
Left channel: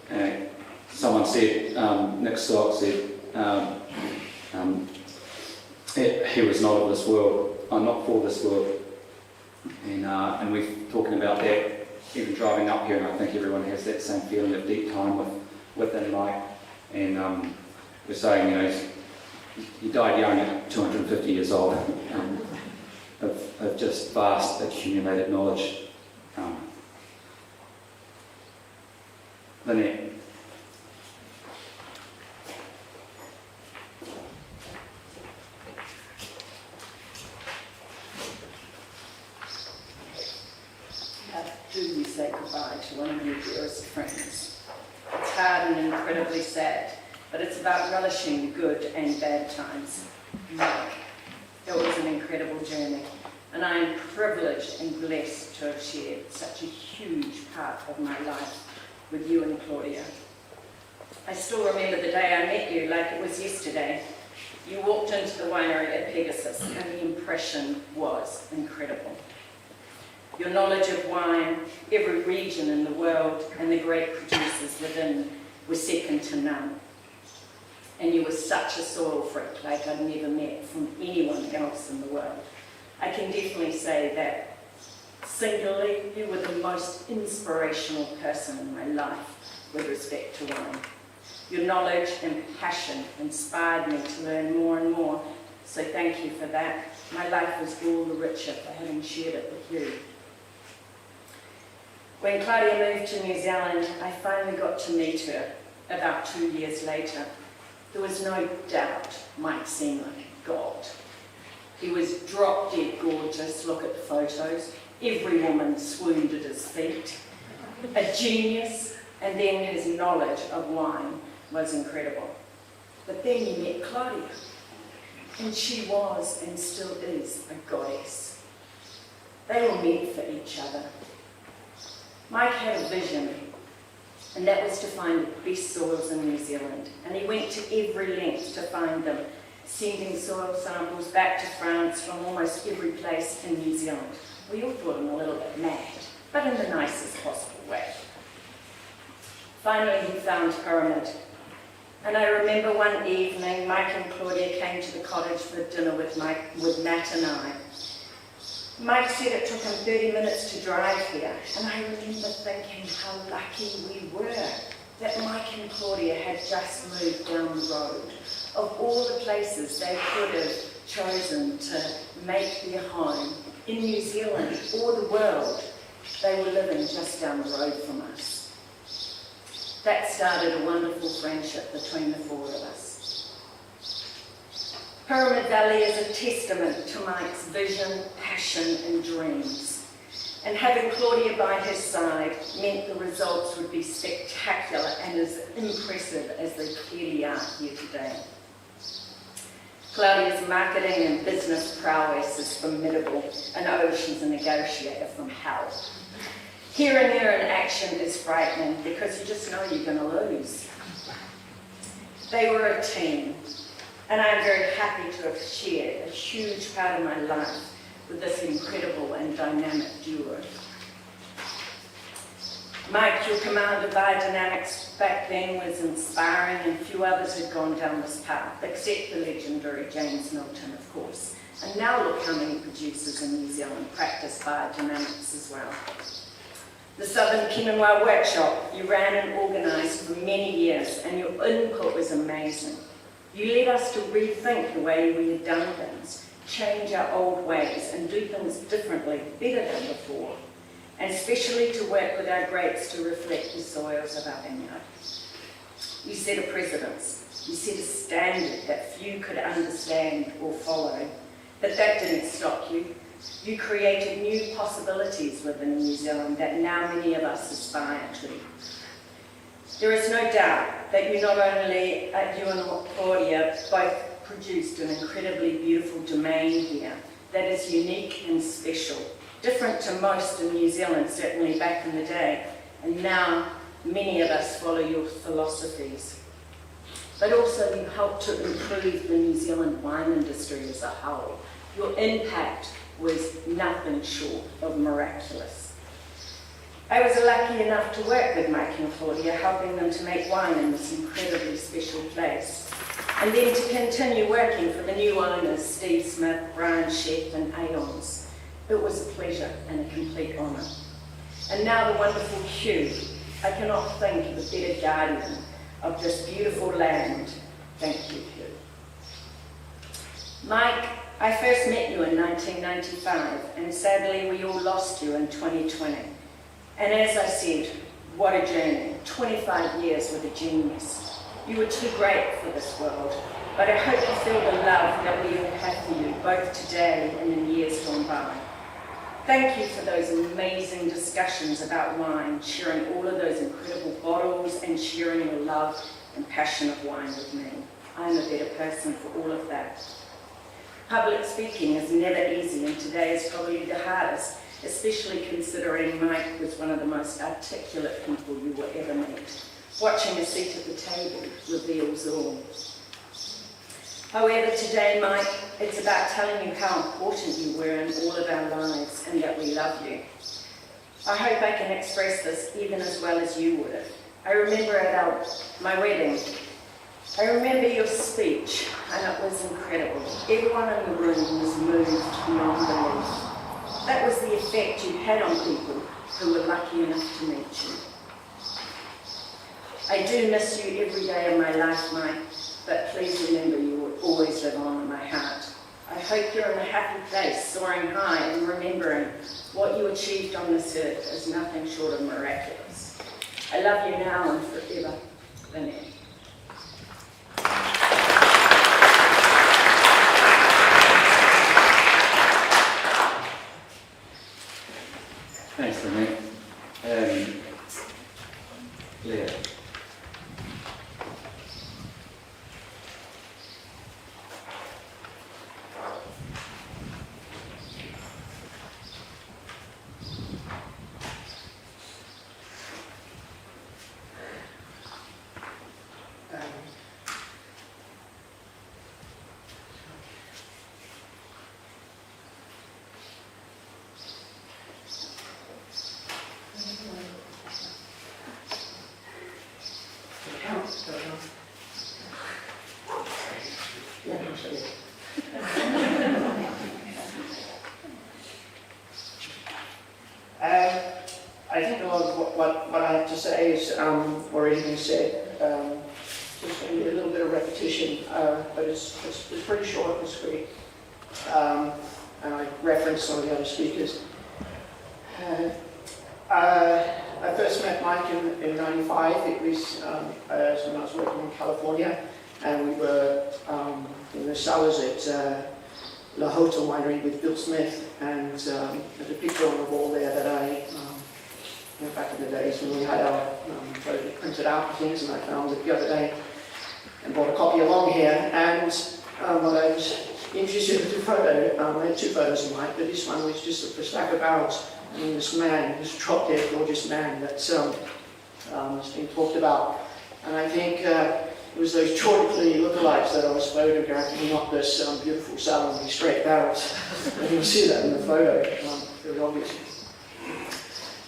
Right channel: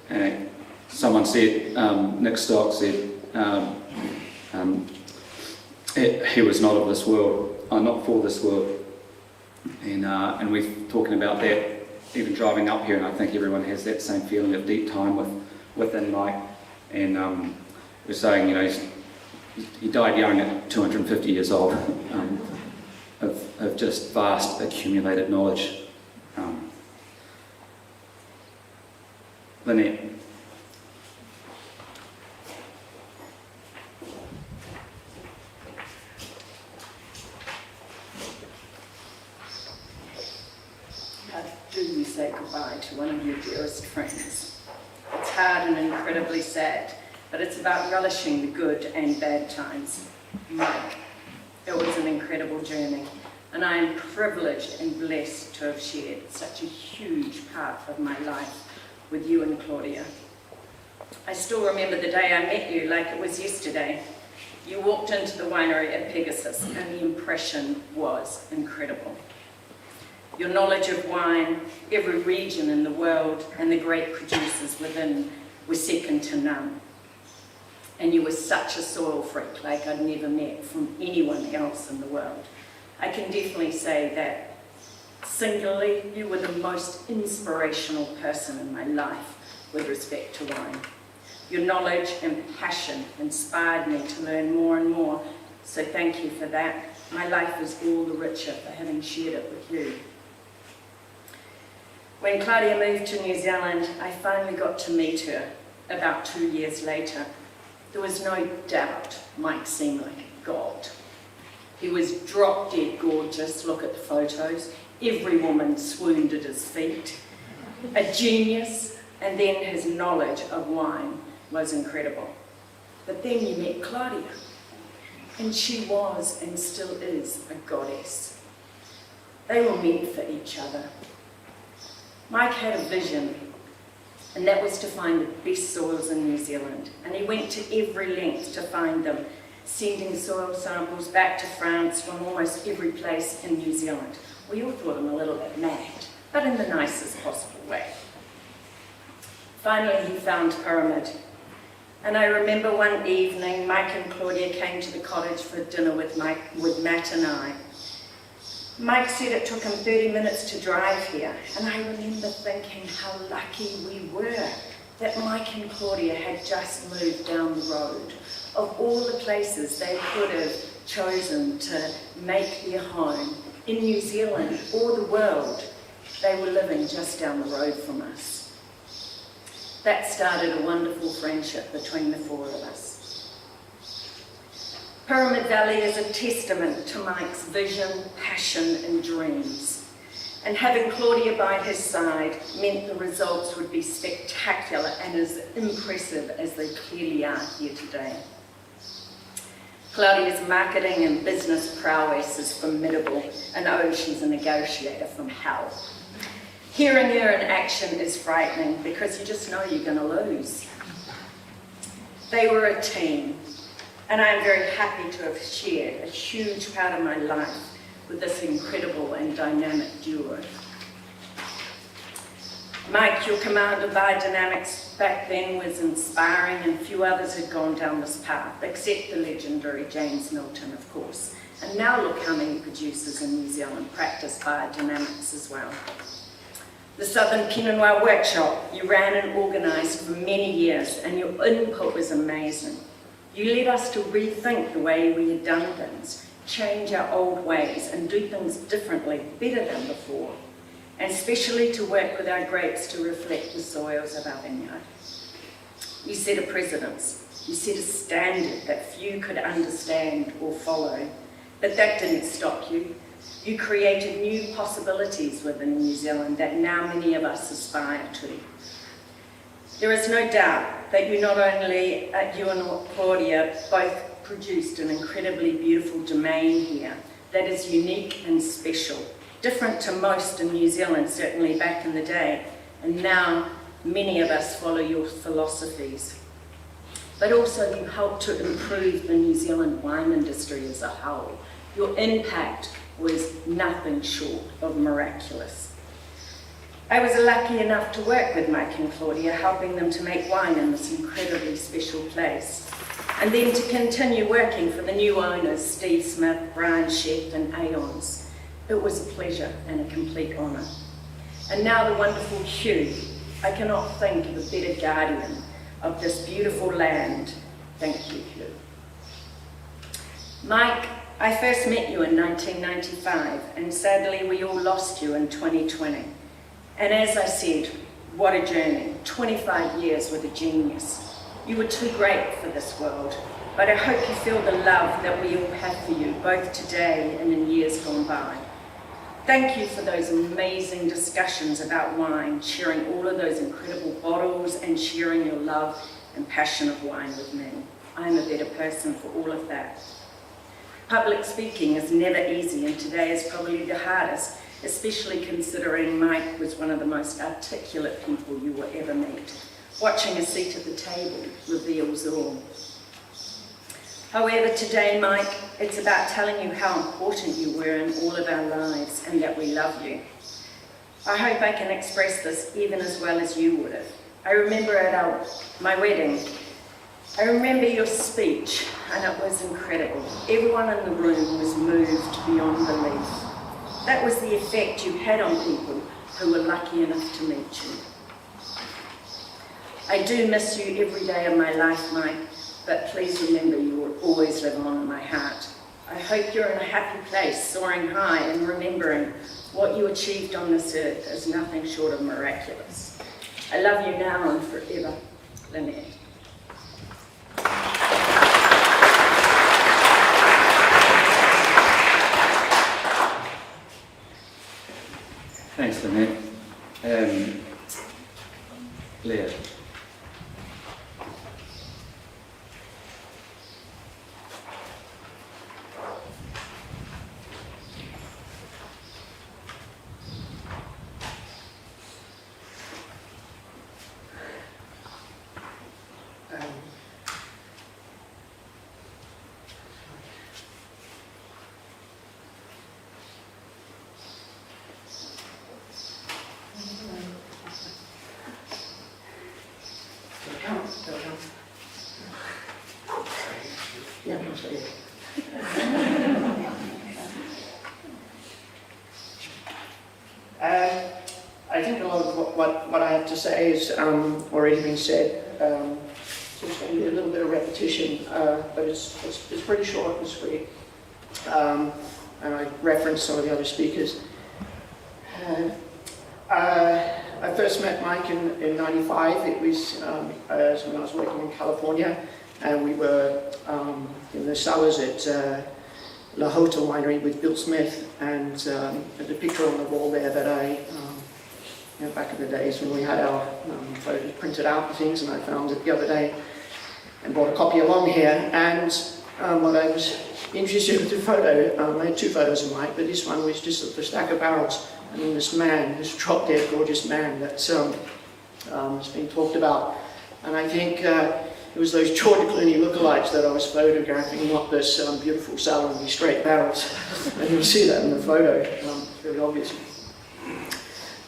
And someone said, Nick Stock said, he was not of this world, not for this world. And we're talking about that, even driving up here, and I think everyone has that same feeling of deep time within Mike. And we're saying, you know, he died young at 250 years old, of just vast accumulated knowledge. Lynette. How do you say goodbye to one of your dearest friends? It's hard and incredibly sad, but it's about relishing the good and bad times. Mike, it was an incredible journey, and I am privileged and blessed to have shared such a huge part of my life with you and Claudia. I still remember the day I met you like it was yesterday. You walked into the winery at Pegasus, and the impression was incredible. Your knowledge of wine, every region in the world, and the great producers within were second to none. And you were such a soil freak like I'd never met from anyone else in the world. I can definitely say that singularly, you were the most inspirational person in my life with respect to wine. Your knowledge and passion inspired me to learn more and more, so thank you for that. My life was all the richer for having shared it with you. When Claudia moved to New Zealand, I finally got to meet her about 2 years later. There was no doubt Mike seemed like a god. He was drop-dead gorgeous, look at the photos. Every woman swooned at his feet. A genius, and then his knowledge of wine was incredible. But then you met Claudia, and she was and still is a goddess. They were meant for each other. Mike had a vision, and that was to find the best soils in New Zealand, and he went to every length to find them, sending soil samples back to France from almost every place in New Zealand. We all thought him a little bit mad, but in the nicest possible way. Finally, he found Pyramid. And I remember one evening, Mike and Claudia came to the cottage for dinner with Matt and I. Mike said it took him 30 minutes to drive here, and I remember thinking how lucky we were that Mike and Claudia had just moved down the road. Of all the places they could have chosen to make their home, in New Zealand or the world, they were living just down the road from us. That started a wonderful friendship between the four of us. Pyramid Valley is a testament to Mike's vision, passion and dreams. And having Claudia by his side meant the results would be spectacular and as impressive as they clearly are here today. Claudia's marketing and business prowess is formidable, and oh, she's a negotiator from hell. Hearing her in action is frightening because you just know you're going to lose. They were a team, and I am very happy to have shared a huge part of my life with this incredible and dynamic duo. Mike, your command of biodynamics back then was inspiring, and few others had gone down this path, except the legendary James Milton, of course. And now look how many producers in New Zealand practice biodynamics as well. The Southern Pinot Noir Workshop you ran and organised for many years, and your input was amazing. You led us to rethink the way we had done things, change our old ways, and do things differently, better than before, and especially to work with our grapes to reflect the soils of our vineyard. You set a precedence. You set a standard that few could understand or follow, but that didn't stop you. You created new possibilities within New Zealand that now many of us aspire to. There is no doubt that you and Claudia both produced an incredibly beautiful domain here that is unique and special, different to most in New Zealand, certainly back in the day, and now many of us follow your philosophies. But also you helped to improve the New Zealand wine industry as a whole. Your impact was nothing short of miraculous. I was lucky enough to work with Mike and Claudia, helping them to make wine in this incredibly special place. And then to continue working for the new owners, Steve Smith, Brian Sheff and Aeons. It was a pleasure and a complete honour. And now the wonderful Hugh. I cannot think of a better guardian of this beautiful land. Thank you, Hugh. Mike, I first met you in 1995, and sadly we all lost you in 2020. And as I said, what a journey, 25 years with a genius. You were too great for this world, but I hope you feel the love that we all have for you, both today and in years gone by. Thank you for those amazing discussions about wine, sharing all of those incredible bottles and sharing your love and passion of wine with me. I'm a better person for all of that. Public speaking is never easy, and today is probably the hardest, especially considering Mike was one of the most articulate people you will ever meet. Watching a seat at the table reveals all. However, today, Mike, it's about telling you how important you were in all of our lives and that we love you. I hope I can express this even as well as you would have. I remember at my wedding, I remember your speech, and it was incredible. Everyone in the room was moved beyond belief. That was the effect you had on people who were lucky enough to meet you. I do miss you every day of my life, Mike, but please remember you will always live on in my heart. I hope you're in a happy place, soaring high and remembering what you achieved on this earth is nothing short of miraculous. I love you now and forever, Lynette. Thanks, Lynette. Leah. I think a lot of what I have to say is already been said. Just going to be a little bit of repetition, but it's pretty short and sweet. And I referenced some of the other speakers. I first met Mike in '95. It was when I was working in California, and we were in the cellars at La Hota Winery with Bill Smith, and there's a picture on the wall there that I, back in the days when we had our photos printed out and things, and I found it the other day and brought a copy along here. And what I was interested with the photo, I had two photos of Mike, but this one was just a stack of barrels. I mean, this man, this drop-dead gorgeous man that's has been talked about. And I think it was those Chortically lookalikes that I was photographing, not this beautiful cellar with these straight barrels. And you can see that in the photo, very obvious.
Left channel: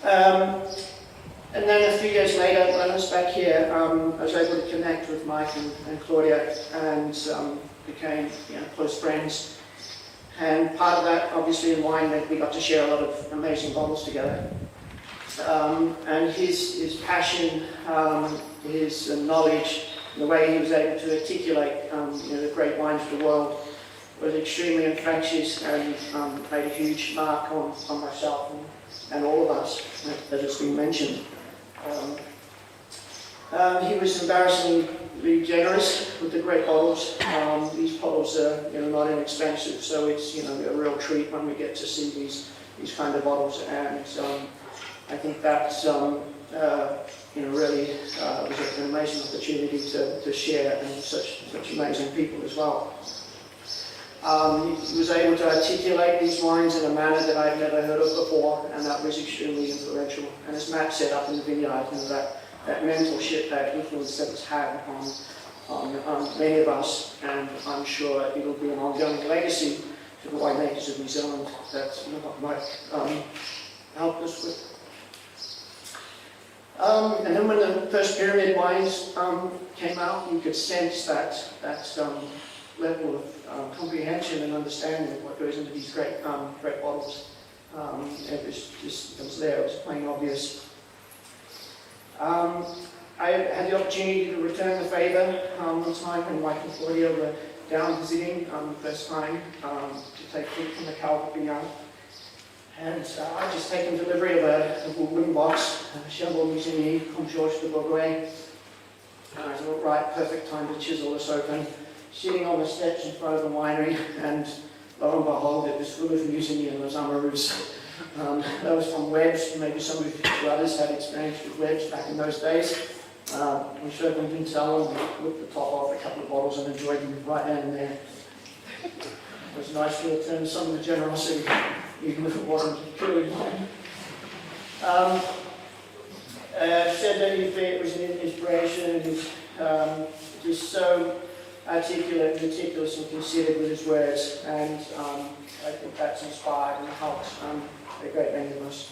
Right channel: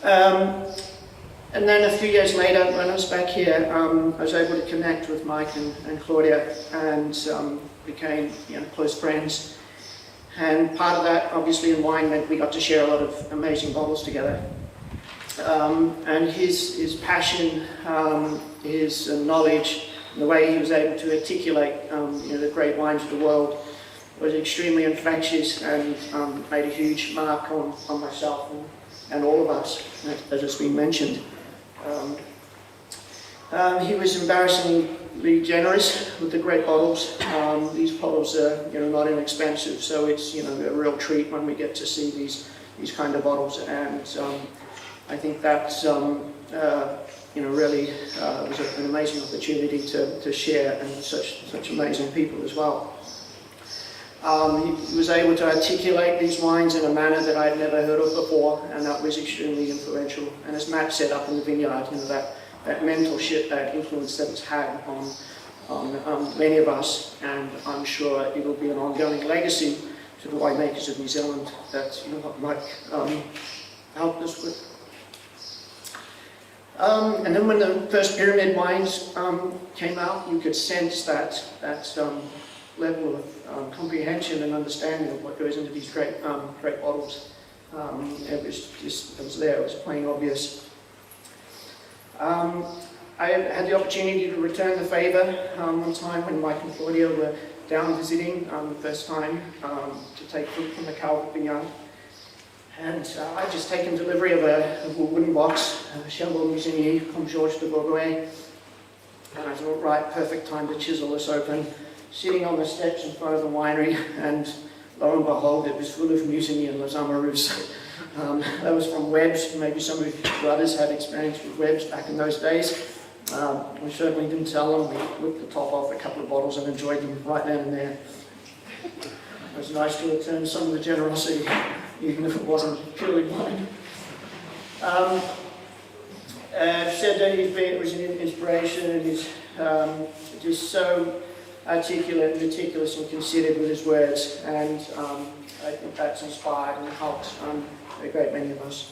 And then a few years later, when I was back here, I was able to connect with Mike and Claudia, and became close friends. And part of that, obviously, in wine meant we got to share a lot of amazing bottles together. And his passion, his knowledge, and the way he was able to articulate the great wines of the world was extremely infectious, and made a huge mark on myself and all of us, as it's been mentioned. He was embarrassingly generous with the great bottles. These bottles are not inexpensive, so it's a real treat when we get to see these kind of bottles. And I think that really was a amazing opportunity to share and such amazing people as well. He was able to articulate these wines in a manner that I'd never heard of before, and that was extremely influential. And as Matt said up in the vineyard, that mental shift, that influence that it's had on many of us, and I'm sure it will be an ongoing legacy to the winemakers of New Zealand that Mike helped us with. And then when the first pyramid wines came out, you could sense that level of comprehension and understanding of what goes into these great bottles. It was there, it was plain obvious. I had the opportunity to return the favour one time when Mike and Claudia were down visiting the first time to take fruit from the Calvert vineyard. And I'd just taken delivery of a wooden box, Chambon Musigny from Georges de Bourgogne. And I thought, right, perfect time to chisel this open. Sitting on the steps in front of the winery, and lo and behold, it was full of Musigny and Les Amoureux. That was from Webb's. Maybe some of you others had experience with Webb's back in those days. We certainly didn't tell them. We whipped the top off a couple of bottles and enjoyed them right then and there. It was nice to return some of the generosity, even if it wasn't purely wine. Said that it was an inspiration, and he's just so articulate and meticulous and considered with his words, and I think that's inspired and helped a great many of us.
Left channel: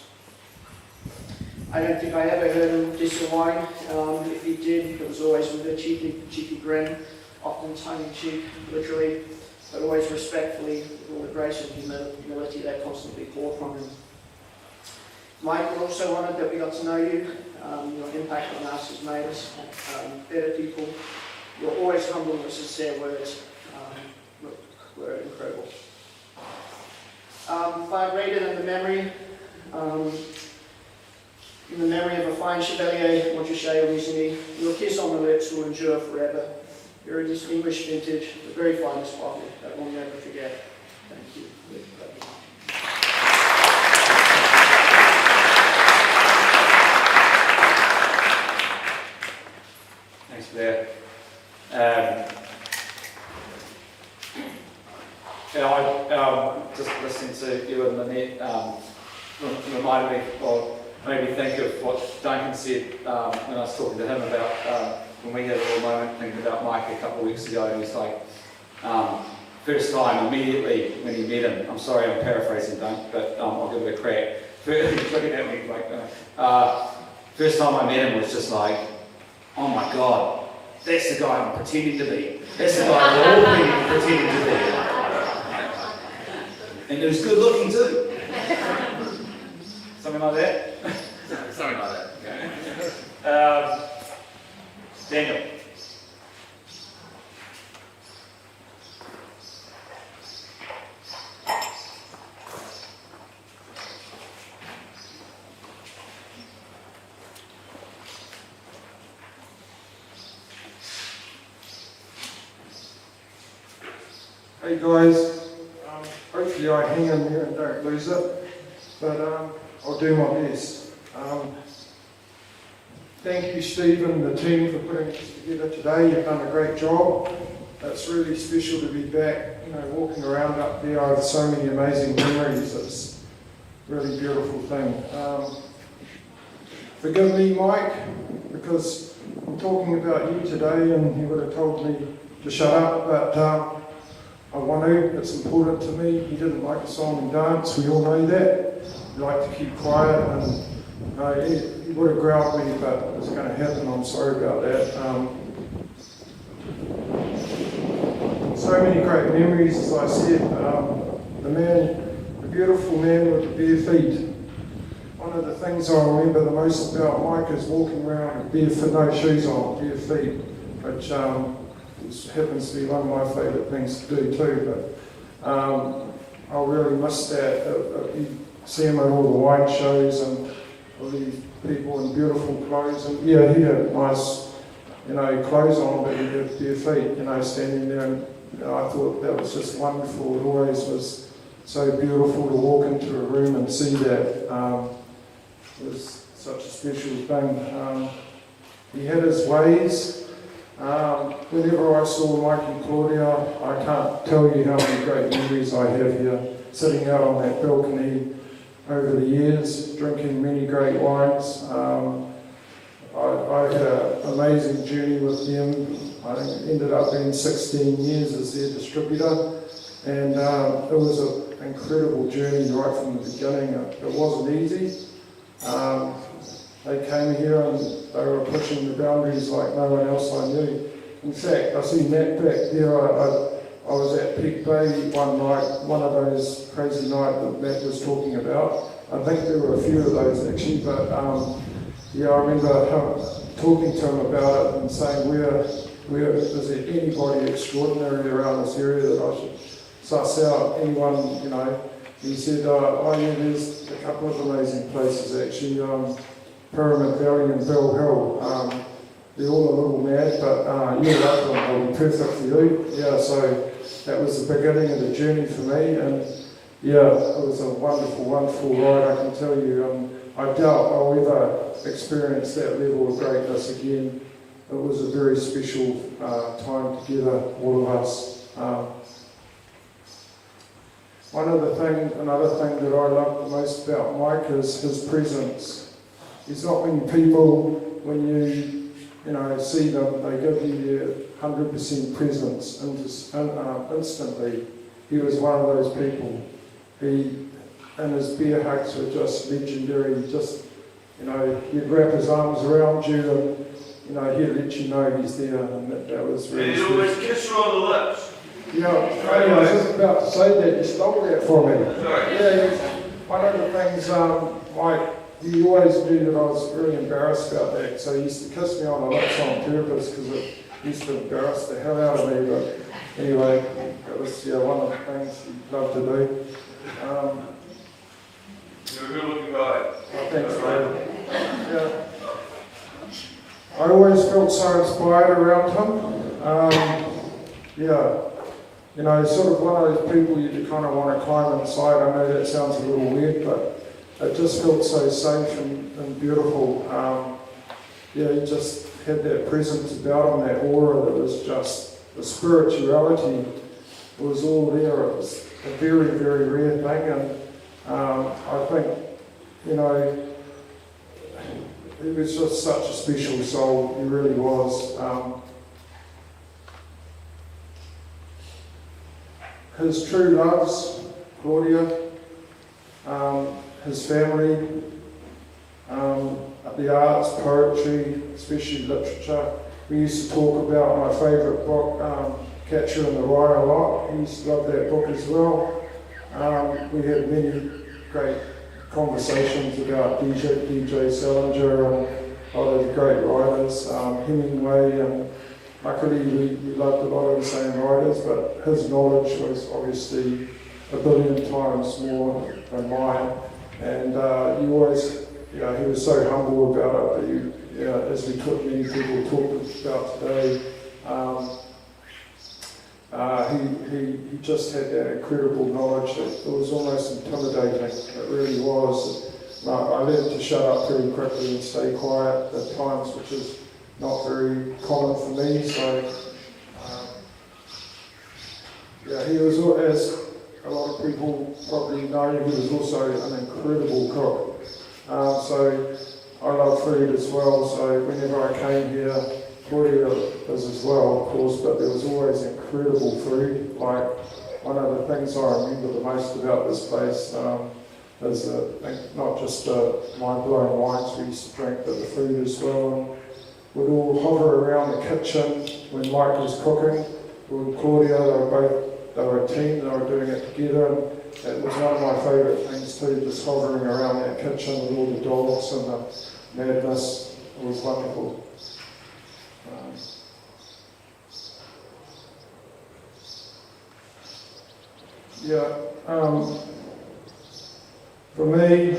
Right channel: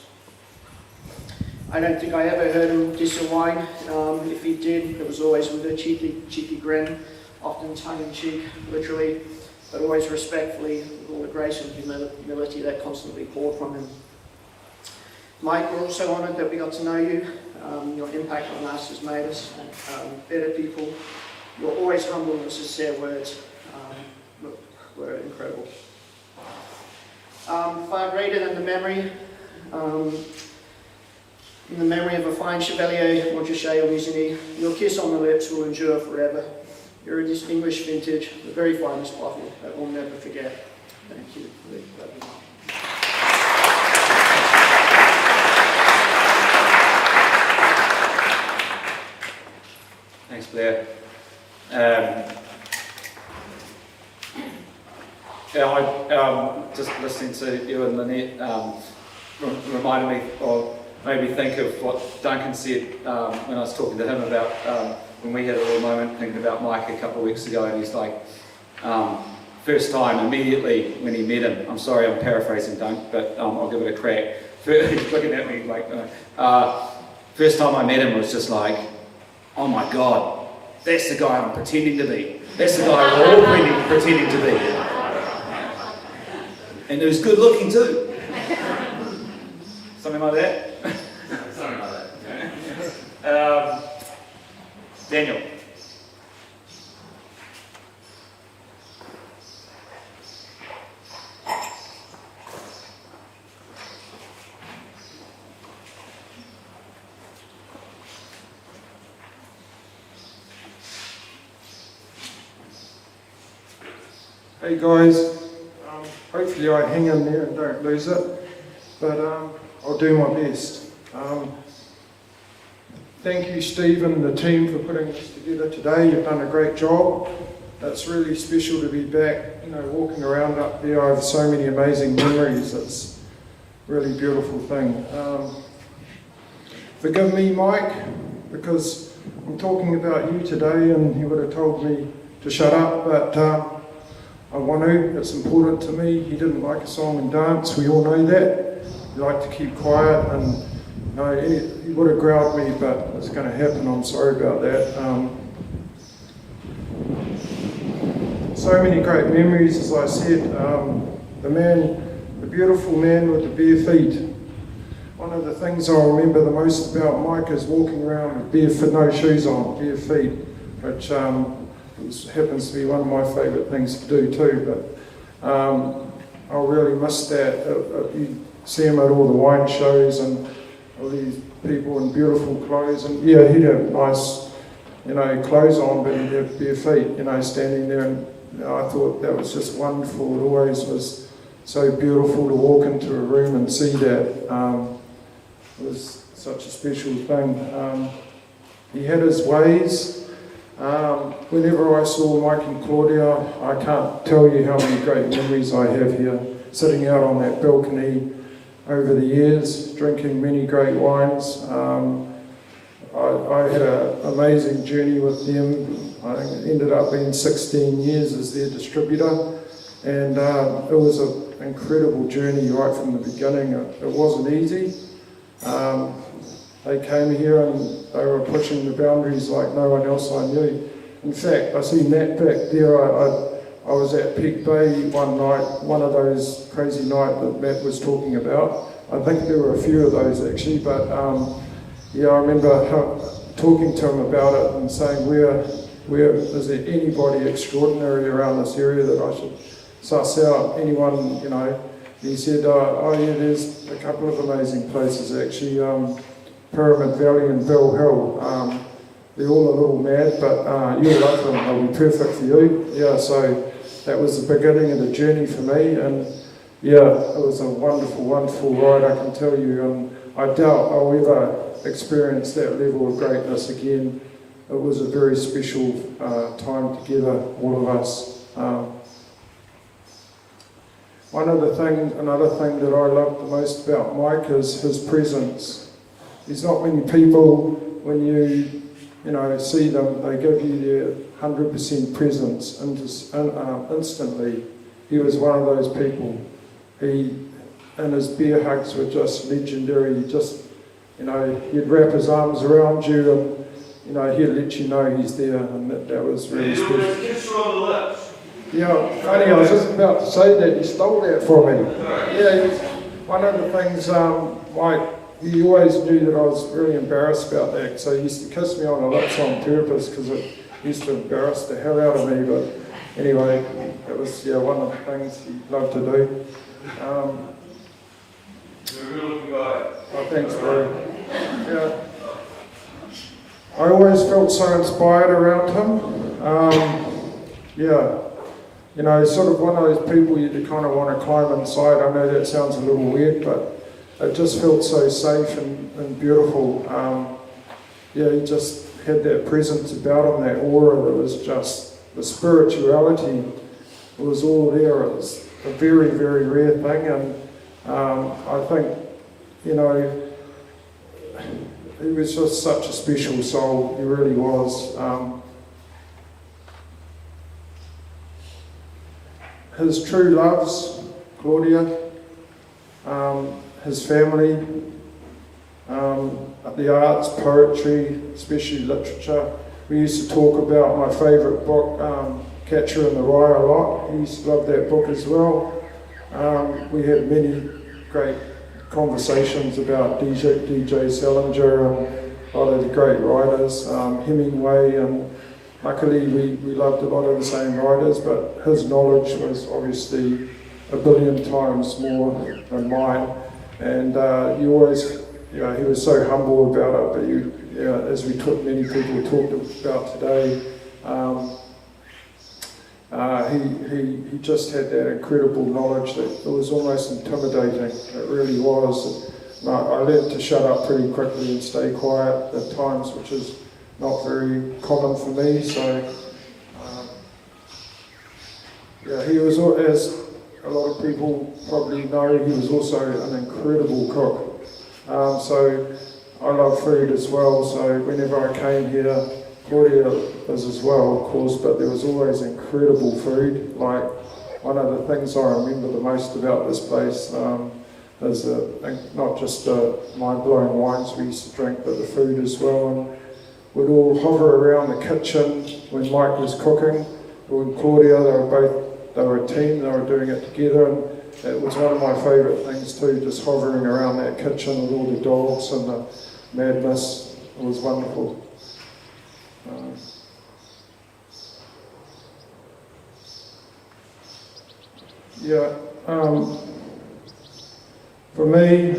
I don't think I ever heard him diss a wine. If he did, it was always with a cheeky grin, often tongue-in-cheek, literally, but always respectfully, with all the grace and humility that constantly poured from him. Mike, we're also honoured that we got to know you. Your impact on us has made us better people. Your always humble and sincere words were incredible. Far greater than the memory, in the memory of a fine Chevalier Montrachet or Musigny, your kiss on the lips will endure forever. You're a distinguished vintage, the very finest bottle that we'll never forget. Thank you. Thanks, Blair. Just listening to you and Lynette reminded me, or made me think of what Duncan said when I was talking to him about when we had a little moment thinking about Mike a couple of weeks ago, and he's like, first time, immediately when he met him, I'm sorry I'm paraphrasing Dunk, but I'll give it a crack. He's looking at me like, first time I met him was just like, oh my God, that's the guy I'm pretending to be. That's the guy we're all pretending to be. And he was good looking too. Something like that? Something like that. Daniel. Hey guys, hopefully I hang in there and don't lose it, but I'll do my best. Thank you Steve and the team for putting this together today. You've done a great job. It's really special to be back, walking around up there. I have so many amazing memories. It's a really beautiful thing. Forgive me Mike, because I'm talking about you today and he would have told me to shut up, but I want to, it's important to me. He didn't like a song and dance, we all know that. He liked to keep quiet, and he would have growled me, but it's going to happen, I'm sorry about that. So many great memories, as I said. The beautiful man with the bare feet. One of the things I remember the most about Mike is walking around with barefoot, no shoes on, bare feet, which happens to be one of my favourite things to do too, but I'll really miss that. You see him at all the wine shows and all these people in beautiful clothes, and yeah, he'd have nice, clothes on, but he'd have bare feet, standing there, and I thought that was just wonderful. It always was so beautiful to walk into a room and see that. It was such a special thing. He had his ways. Whenever I saw Mike and Claudia, I can't tell you how many great memories I have here, sitting out on that balcony over the years, drinking many great wines. I had an amazing journey with them. I think it ended up being 16 years as their distributor, and it was an incredible journey right from the beginning. It wasn't easy. They came here and they were pushing the boundaries like no one else I knew. In fact, I see Nat back there. I was at Peak Bay one night, one of those crazy nights that Matt was talking about. I think there were a few of those actually, but yeah, I remember talking to him about it and saying, where is there anybody extraordinary around this area that I should suss out? Anyone, you know? He said, oh yeah, there's a couple of amazing places actually. Pyramid Valley and Bell Hill. They're all a little mad, but you'll love them. They'll be perfect for you. Yeah, so that was the beginning of the journey for me, and yeah, it was a wonderful, wonderful ride, I can tell you. I doubt I'll ever experience that level of greatness again. It was a very special time together, all of us. Another thing that I love the most about Mike is his presence. There's not many people, when you see them, they give you their 100% presence instantly. He was one of those people. And his beer hugs were just legendary. He'd wrap his arms around you and, he'd let you know he's there, and that was really special. Let's kiss her on the lips. Yeah, funny, I was just about to say that. You stole that from me. Yeah, one of the things, Mike, he always knew that I was really embarrassed about that, so he used to kiss me on the lips on purpose because it used to embarrass the hell out of me. But anyway, it was one of the things he loved to do. You're a good-looking guy. Oh, thanks, bro. Yeah. I always felt so inspired around him. Sort of one of those people you kind of want to climb inside. I know that sounds a little weird, but it just felt so safe and beautiful. He just had that presence about him, that aura that was just, the spirituality was all there. It was a very, very rare thing, and I think, he was just such a special soul, he really was. His true loves, Claudia, his family, the arts, poetry, especially literature. We used to talk about my favourite book, Catcher in the Rye, a lot. He used to love that book as well. We had many great conversations about DJ Salinger and a lot of the great writers, Hemingway, and luckily we loved a lot of the same writers, but his knowledge was obviously a billion times more than mine. And he always, he was so humble about it, but as many people talked about today, he just had that incredible knowledge that it was almost intimidating. It really was. I learned to shut up pretty quickly and stay quiet at times, which is not very common for me. So, he was, as a lot of people probably know, he was also an incredible cook. So I love food as well. So whenever I came here, Claudia was as well, of course, but there was always incredible food. Like, one of the things I remember the most about this place is not just mind-blowing wines we used to drink, but the food as well. And we'd all hover around the kitchen when Mike was cooking. With Claudia, they were a team, they were doing it together, and it was one of my favourite things too, just hovering around that kitchen with all the dogs and the madness. It was wonderful. For me,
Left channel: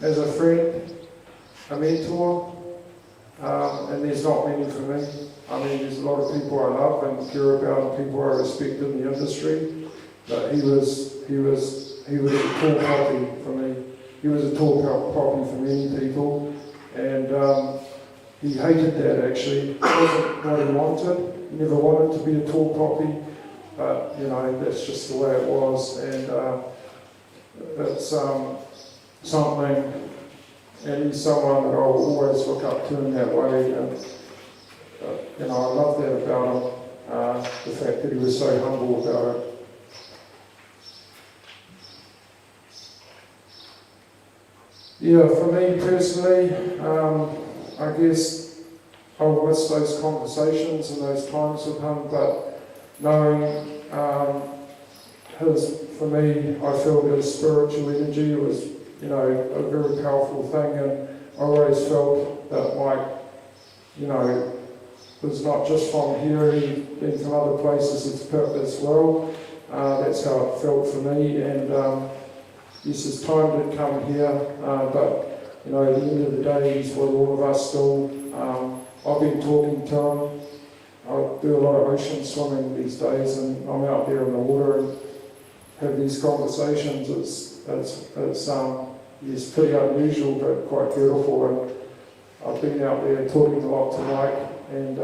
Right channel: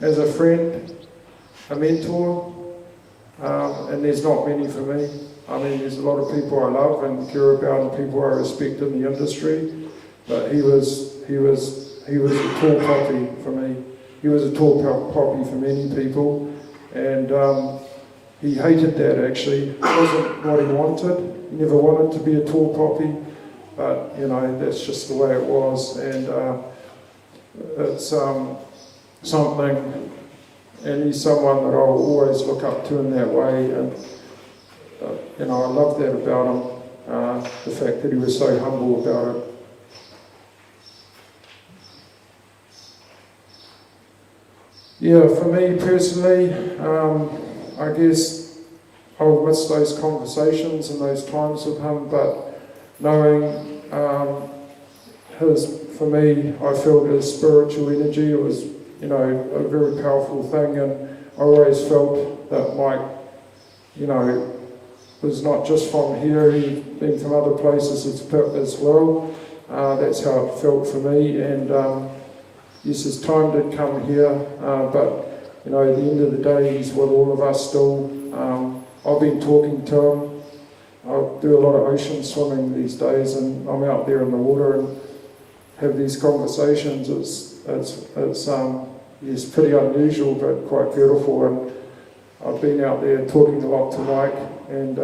as a friend, a mentor, and there's not many for me. I mean, there's a lot of people I love and care about and people I respect in the industry, but he was a tall poppy for me. He was a tall poppy for many people, and he hated that actually. It wasn't what he wanted. He never wanted to be a tall poppy, but you know, that's just the way it was. And it's something, and he's someone that I'll always look up to in that way. And you know, I love that about him, the fact that he was so humble about it. Yeah, for me personally, I guess I'll miss those conversations and those times with him, but knowing for me, I felt his spiritual energy. It was, you know, a very powerful thing, and I always felt that Mike, you know, was not just from here, he'd been from other places as well. That's how it felt for me, and yes, his time did come here, but you know, at the end of the day, he's with all of us still. I've been talking to him. I do a lot of ocean swimming these days, and I'm out there in the water and have these conversations. It's pretty unusual, but quite beautiful. And I've been out there talking a lot to Mike, and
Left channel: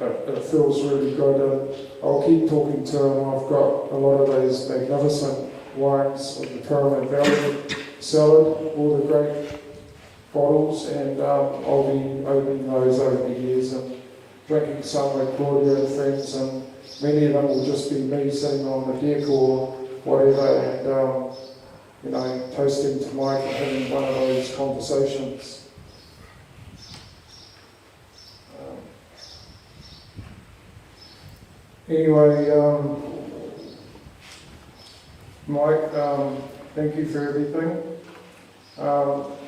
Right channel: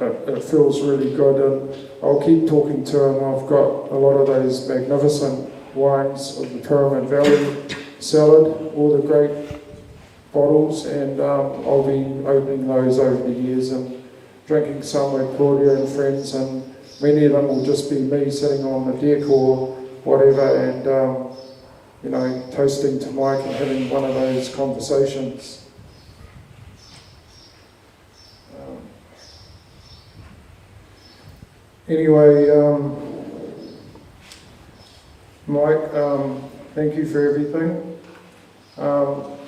it feels really good. And I'll keep talking to him. I've got a lot of those magnificent wines of the Pyramid Valley cellar, all the great bottles, and I'll be opening those over the years and drinking some with Claudia and friends, and many of them will just be me sitting on the deck or whatever, and you know, toasting to Mike and having one of those conversations. Anyway, Mike, thank you for everything.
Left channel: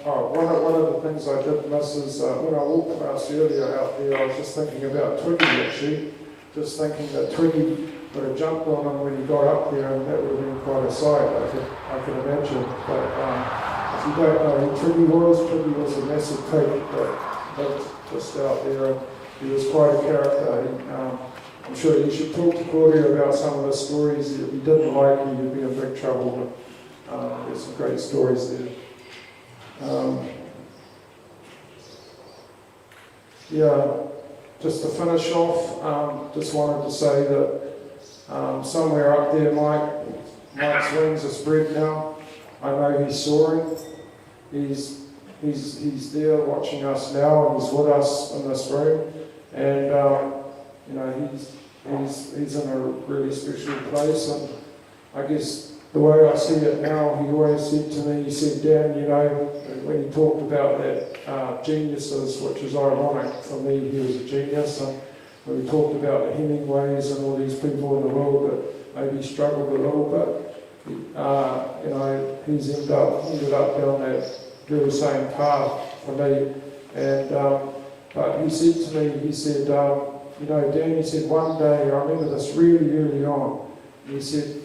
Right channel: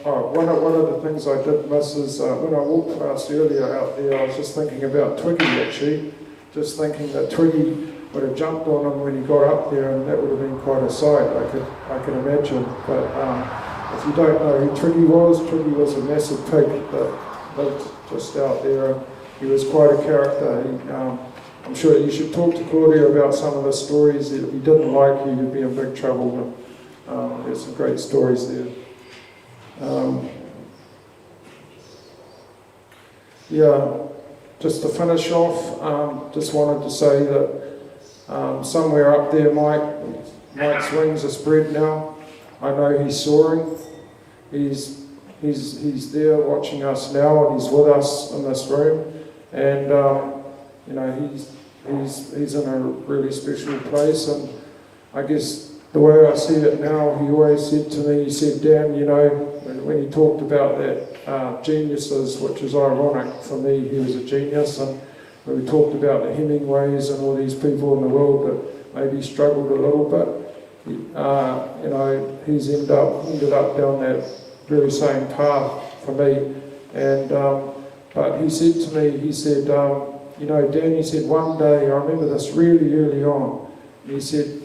One of the things I did miss is when I walked past earlier out there, I was just thinking about Twiggy actually, just thinking that Twiggy would have jumped on him when he got up there, and that would have been quite a sight, I can imagine. But if you don't know who Twiggy was a massive pig that lived just out there, and he was quite a character. I'm sure you should talk to Claudia about some of the stories. If he didn't like you, you'd be in big trouble. But there's some great stories there. Yeah, just to finish off, just wanted to say that somewhere up there, Mike's wings are spread now. I know he's soaring. He's there watching us now, and he's with us in this room, and you know, he's in a really special place. And I guess the way I see it now, he always said to me, he said, Dan, you know, when he talked about that geniuses, which is ironic for me, he was a genius, and when we talked about the Hemingways and all these people in the world that maybe struggled a little bit, you know, he's ended up down that very same path for me. And but he said to me, he said, you know, Dan, he said, one day, I remember this really early on, he said,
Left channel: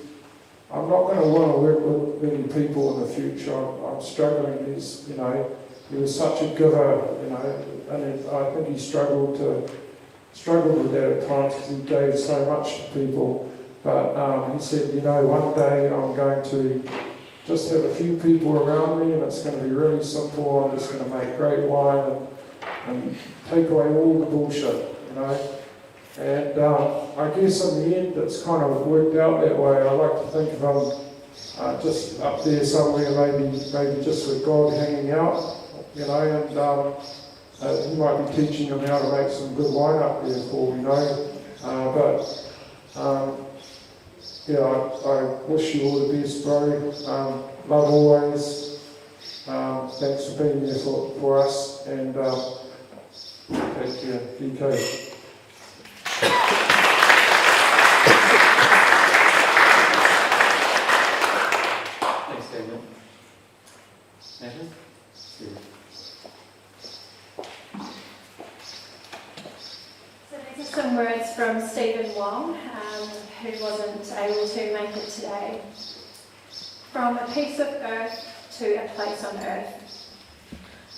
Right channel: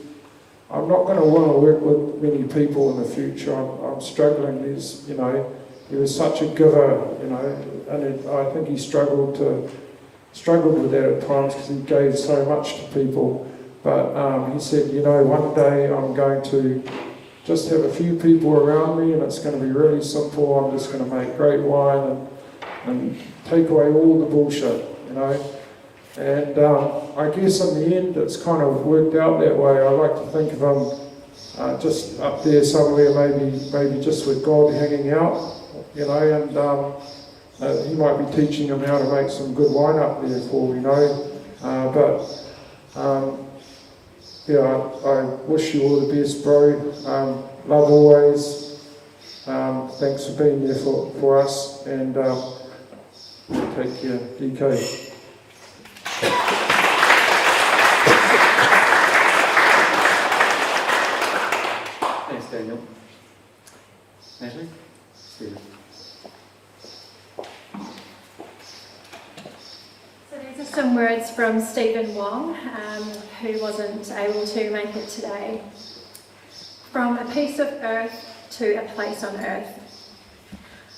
I'm not going to want to work with many people in the future. I'm struggling. You know, he was such a giver, you know, and I think he struggled with that at times because he gave so much to people. But he said, you know, one day I'm going to just have a few people around me, and it's going to be really simple. I'm just going to make great wine and take away all the bullshit, you know. And I guess in the end it's kind of worked out that way. I like to think of him just up there somewhere, maybe just with God hanging out, you know, and he might be teaching him how to make some good wine up there for, you know. Yeah, I wish you all the best, bro. Love always. Thanks for being there for us, and take care, DK. Thanks, Daniel. Natalie? Steve. So these are some words from Stephen Wong, who wasn't able to make it today. From a piece of earth to a place on earth.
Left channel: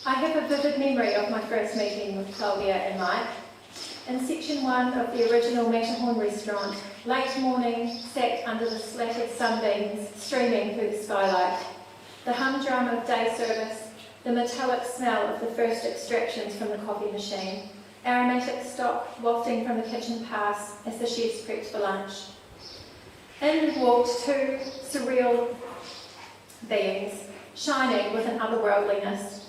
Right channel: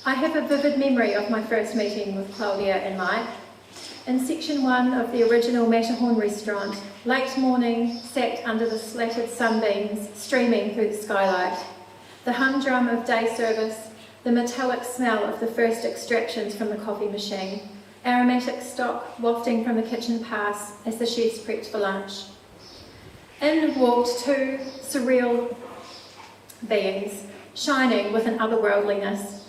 I have a vivid memory of my first meeting with Claudia and Mike. In section 1 of the original Matterhorn restaurant, late morning, sat under the slatted sunbeams streaming through the skylight. The humdrum of day service, the metallic smell of the first extractions from the coffee machine, aromatic stock wafting from the kitchen pass as the chefs prepped for lunch. In walked two surreal beings, shining with an otherworldliness.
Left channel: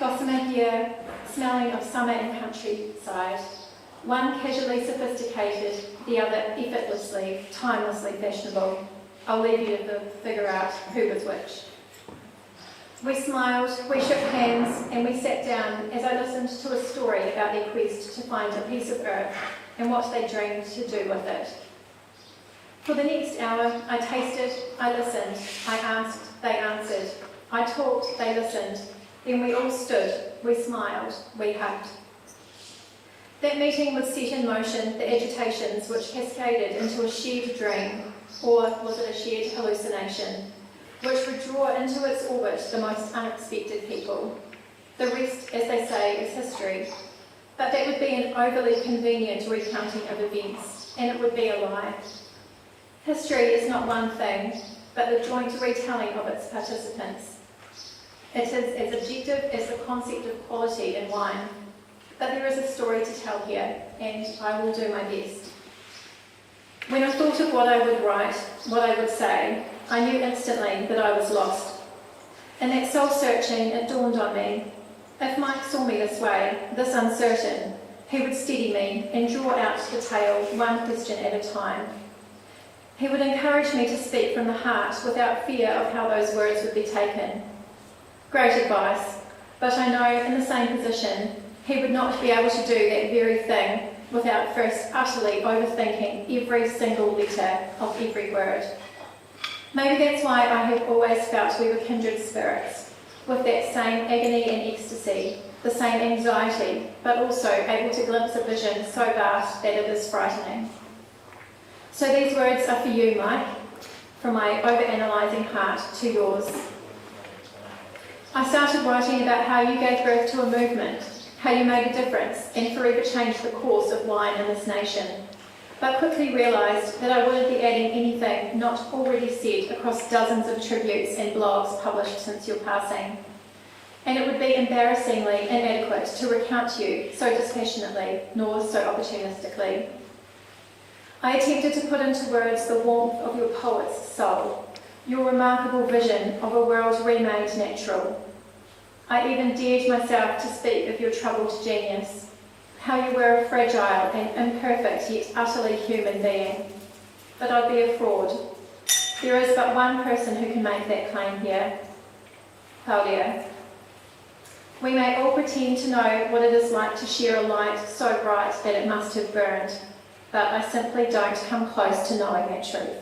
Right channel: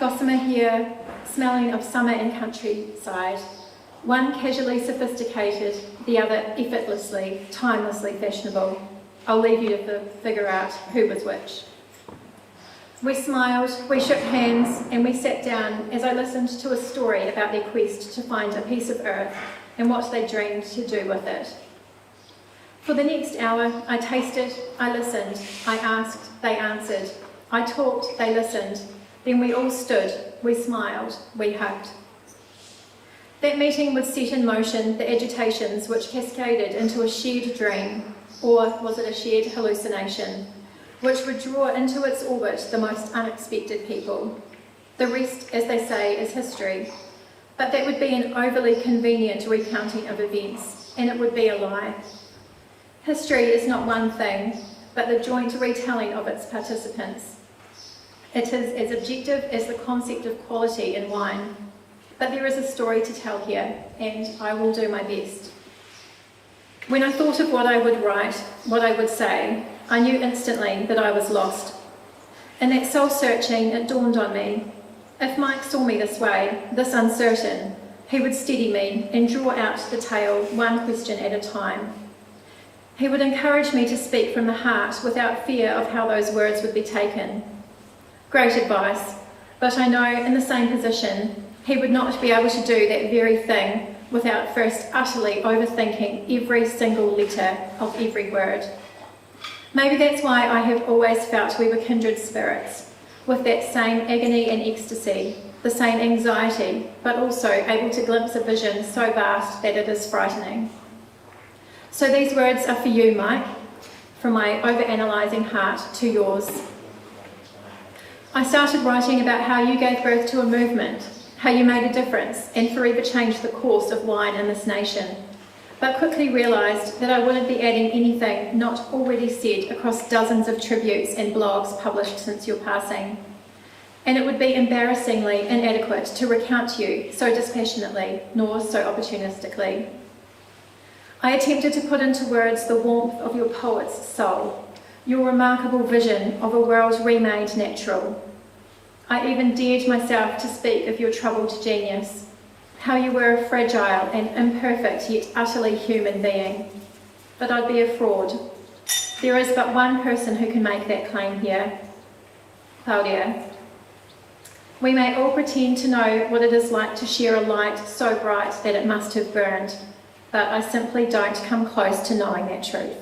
Gossamer hair, smelling of summer and countryside. One casually sophisticated, the other effortlessly, timelessly fashionable. I'll leave you to figure out who was which. We smiled, we shook hands, and we sat down as I listened to a story about their quest to find a piece of earth and what they dreamed to do with it. For the next hour, I tasted, I listened, I asked, they answered. I talked, they listened. Then we all stood, we smiled, we hugged. That meeting would set in motion the agitations which cascaded into a shared dream, or was it a shared hallucination, which would draw into its orbit the most unexpected people. The rest, as they say, is history. But that would be an overly convenient recounting of events, and it would be a lie. History is not one thing, but the joint retelling of its participants. It is as objective as the concept of quality in wine. But there is a story to tell here, and I will do my best. When I thought of what I would write, what I would say, I knew instantly that I was lost. In that soul-searching, it dawned on me. If Mike saw me this way, this uncertain, he would steady me and draw out the tale one question at a time. He would encourage me to speak from the heart without fear of how those words would be taken. Great advice, but I know in the same position, he would not be able to do that very thing without first utterly overthinking every single letter of every word. Maybe that's why I have always felt we were kindred spirits, with that same agony and ecstasy, the same anxiety, but also able to glimpse a vision so vast that it is frightening. So these words are for you, Mike, from my overanalyzing heart to yours. I started writing about how you gave birth to a movement, how you made a difference and forever changed the course of wine in this nation, but quickly realised that I wouldn't be adding anything not already said across dozens of tributes and blogs published since your passing. And it would be embarrassingly inadequate to recount you so dispassionately, nor so opportunistically. I attempted to put into words the warmth of your poet's soul, your remarkable vision of a world remade natural. I even dared myself to speak of your troubled genius, how you were a fragile and imperfect yet utterly human being. But I'd be a fraud. There is but one person who can make that claim here, Claudia. We may all pretend to know what it is like to share a light so bright that it must have burned, but I simply don't come close to knowing that truth.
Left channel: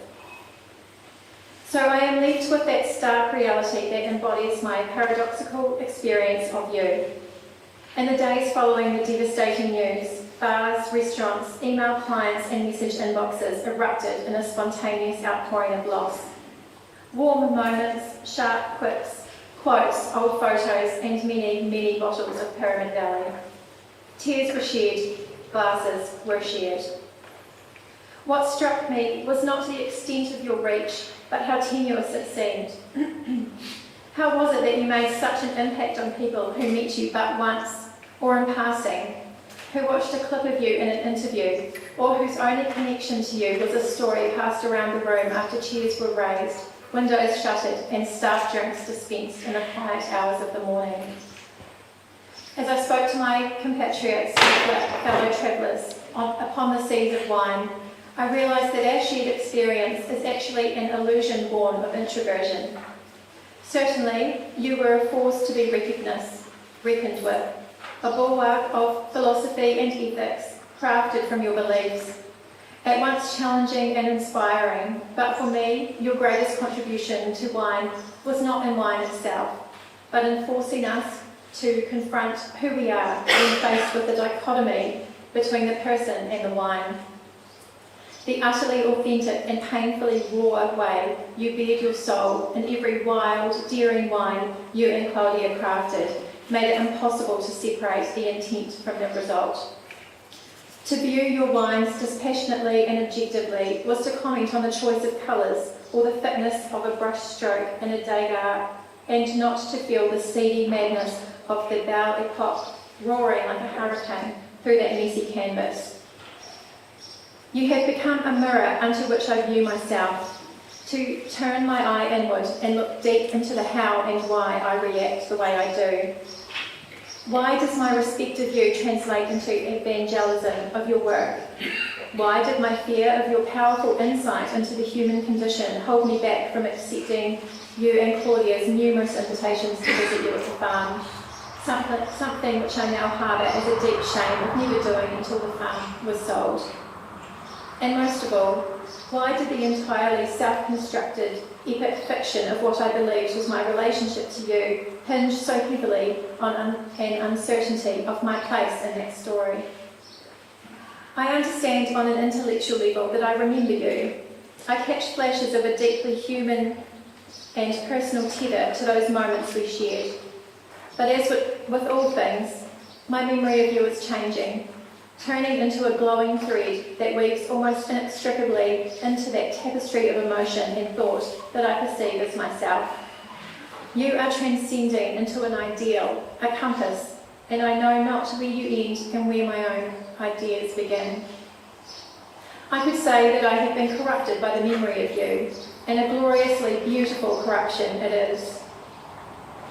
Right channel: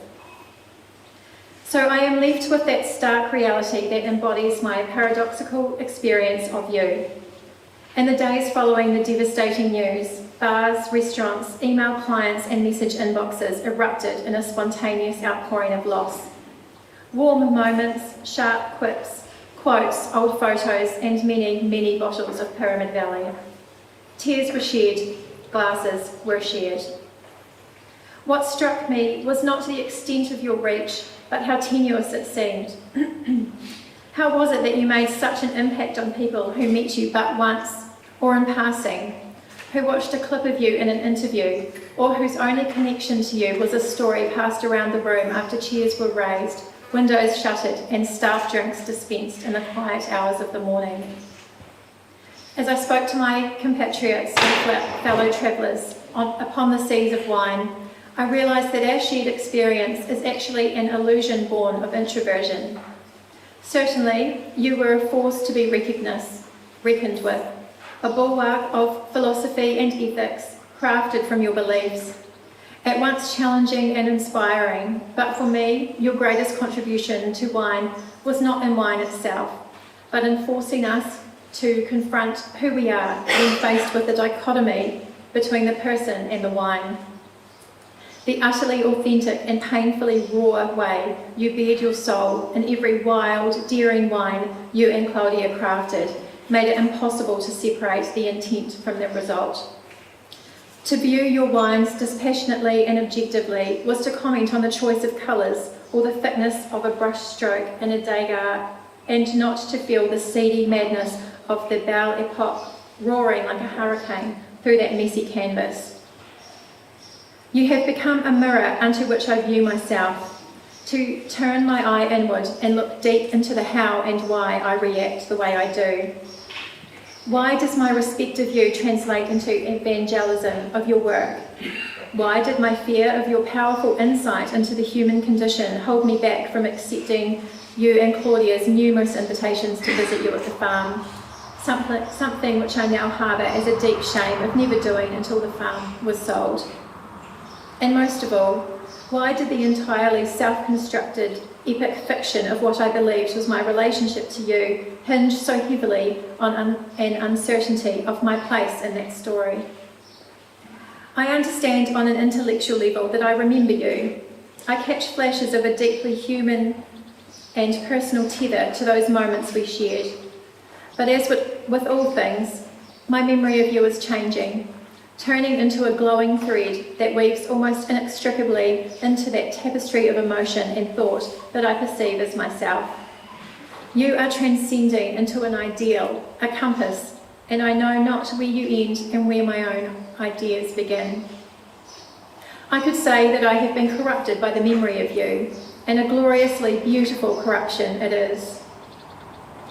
So I am left with that stark reality that embodies my paradoxical experience of you. In the days following the devastating news, bars, restaurants, email clients and message inboxes erupted in a spontaneous outpouring of loss. Warm moments, sharp quips, quotes, old photos and many, many bottles of Pyramid Valley. Tears were shed, glasses were shared. What struck me was not the extent of your reach, but how tenuous it seemed. How was it that you made such an impact on people who met you but once, or in passing, who watched a clip of you in an interview, or whose only connection to you was a story passed around the room after chairs were raised, windows shuttered, and staff drinks dispensed in the quiet hours of the morning? As I spoke to my compatriots and fellow travellers upon the seas of wine, I realised that our shared experience is actually an illusion born of introversion. Certainly, you were a force to be reckoned with, a bulwark of philosophy and ethics crafted from your beliefs, at once challenging and inspiring, but for me, your greatest contribution to wine was not in wine itself, but in forcing us to confront who we are when faced with the dichotomy between the person and the wine. The utterly authentic and painfully raw way you bared your soul in every wild, daring wine you and Claudia crafted made it impossible to separate the intent from the result. To view your wines dispassionately and objectively was to comment on the choice of colours or the thickness of a brush stroke in a Degas and not to feel the seedy madness of the Belle Epoque roaring like a hurricane through that messy canvas. You have become a mirror unto which I view myself, to turn my eye inward and look deep into the how and why I react the way I do. Why does my respect of you translate into evangelism of your work? Why did my fear of your powerful insight into the human condition hold me back from accepting you and Claudia's numerous invitations to visit you at the farm? Something which I now harbour as a deep shame of never doing until the farm was sold. And most of all, why did the entirely self-constructed epic fiction of what I believed was my relationship to you hinge so heavily on an uncertainty of my place in that story? I understand on an intellectual level that I remember you. I catch flashes of a deeply human and personal tether to those moments we shared. But as with all things, my memory of you is changing, turning into a glowing thread that weaves almost inextricably into that tapestry of emotion and thought that I perceive as myself. You are transcending into an ideal, a compass, and I know not where you end and where my own ideas begin. I could say that I have been corrupted by the memory of you, and a gloriously beautiful corruption it is.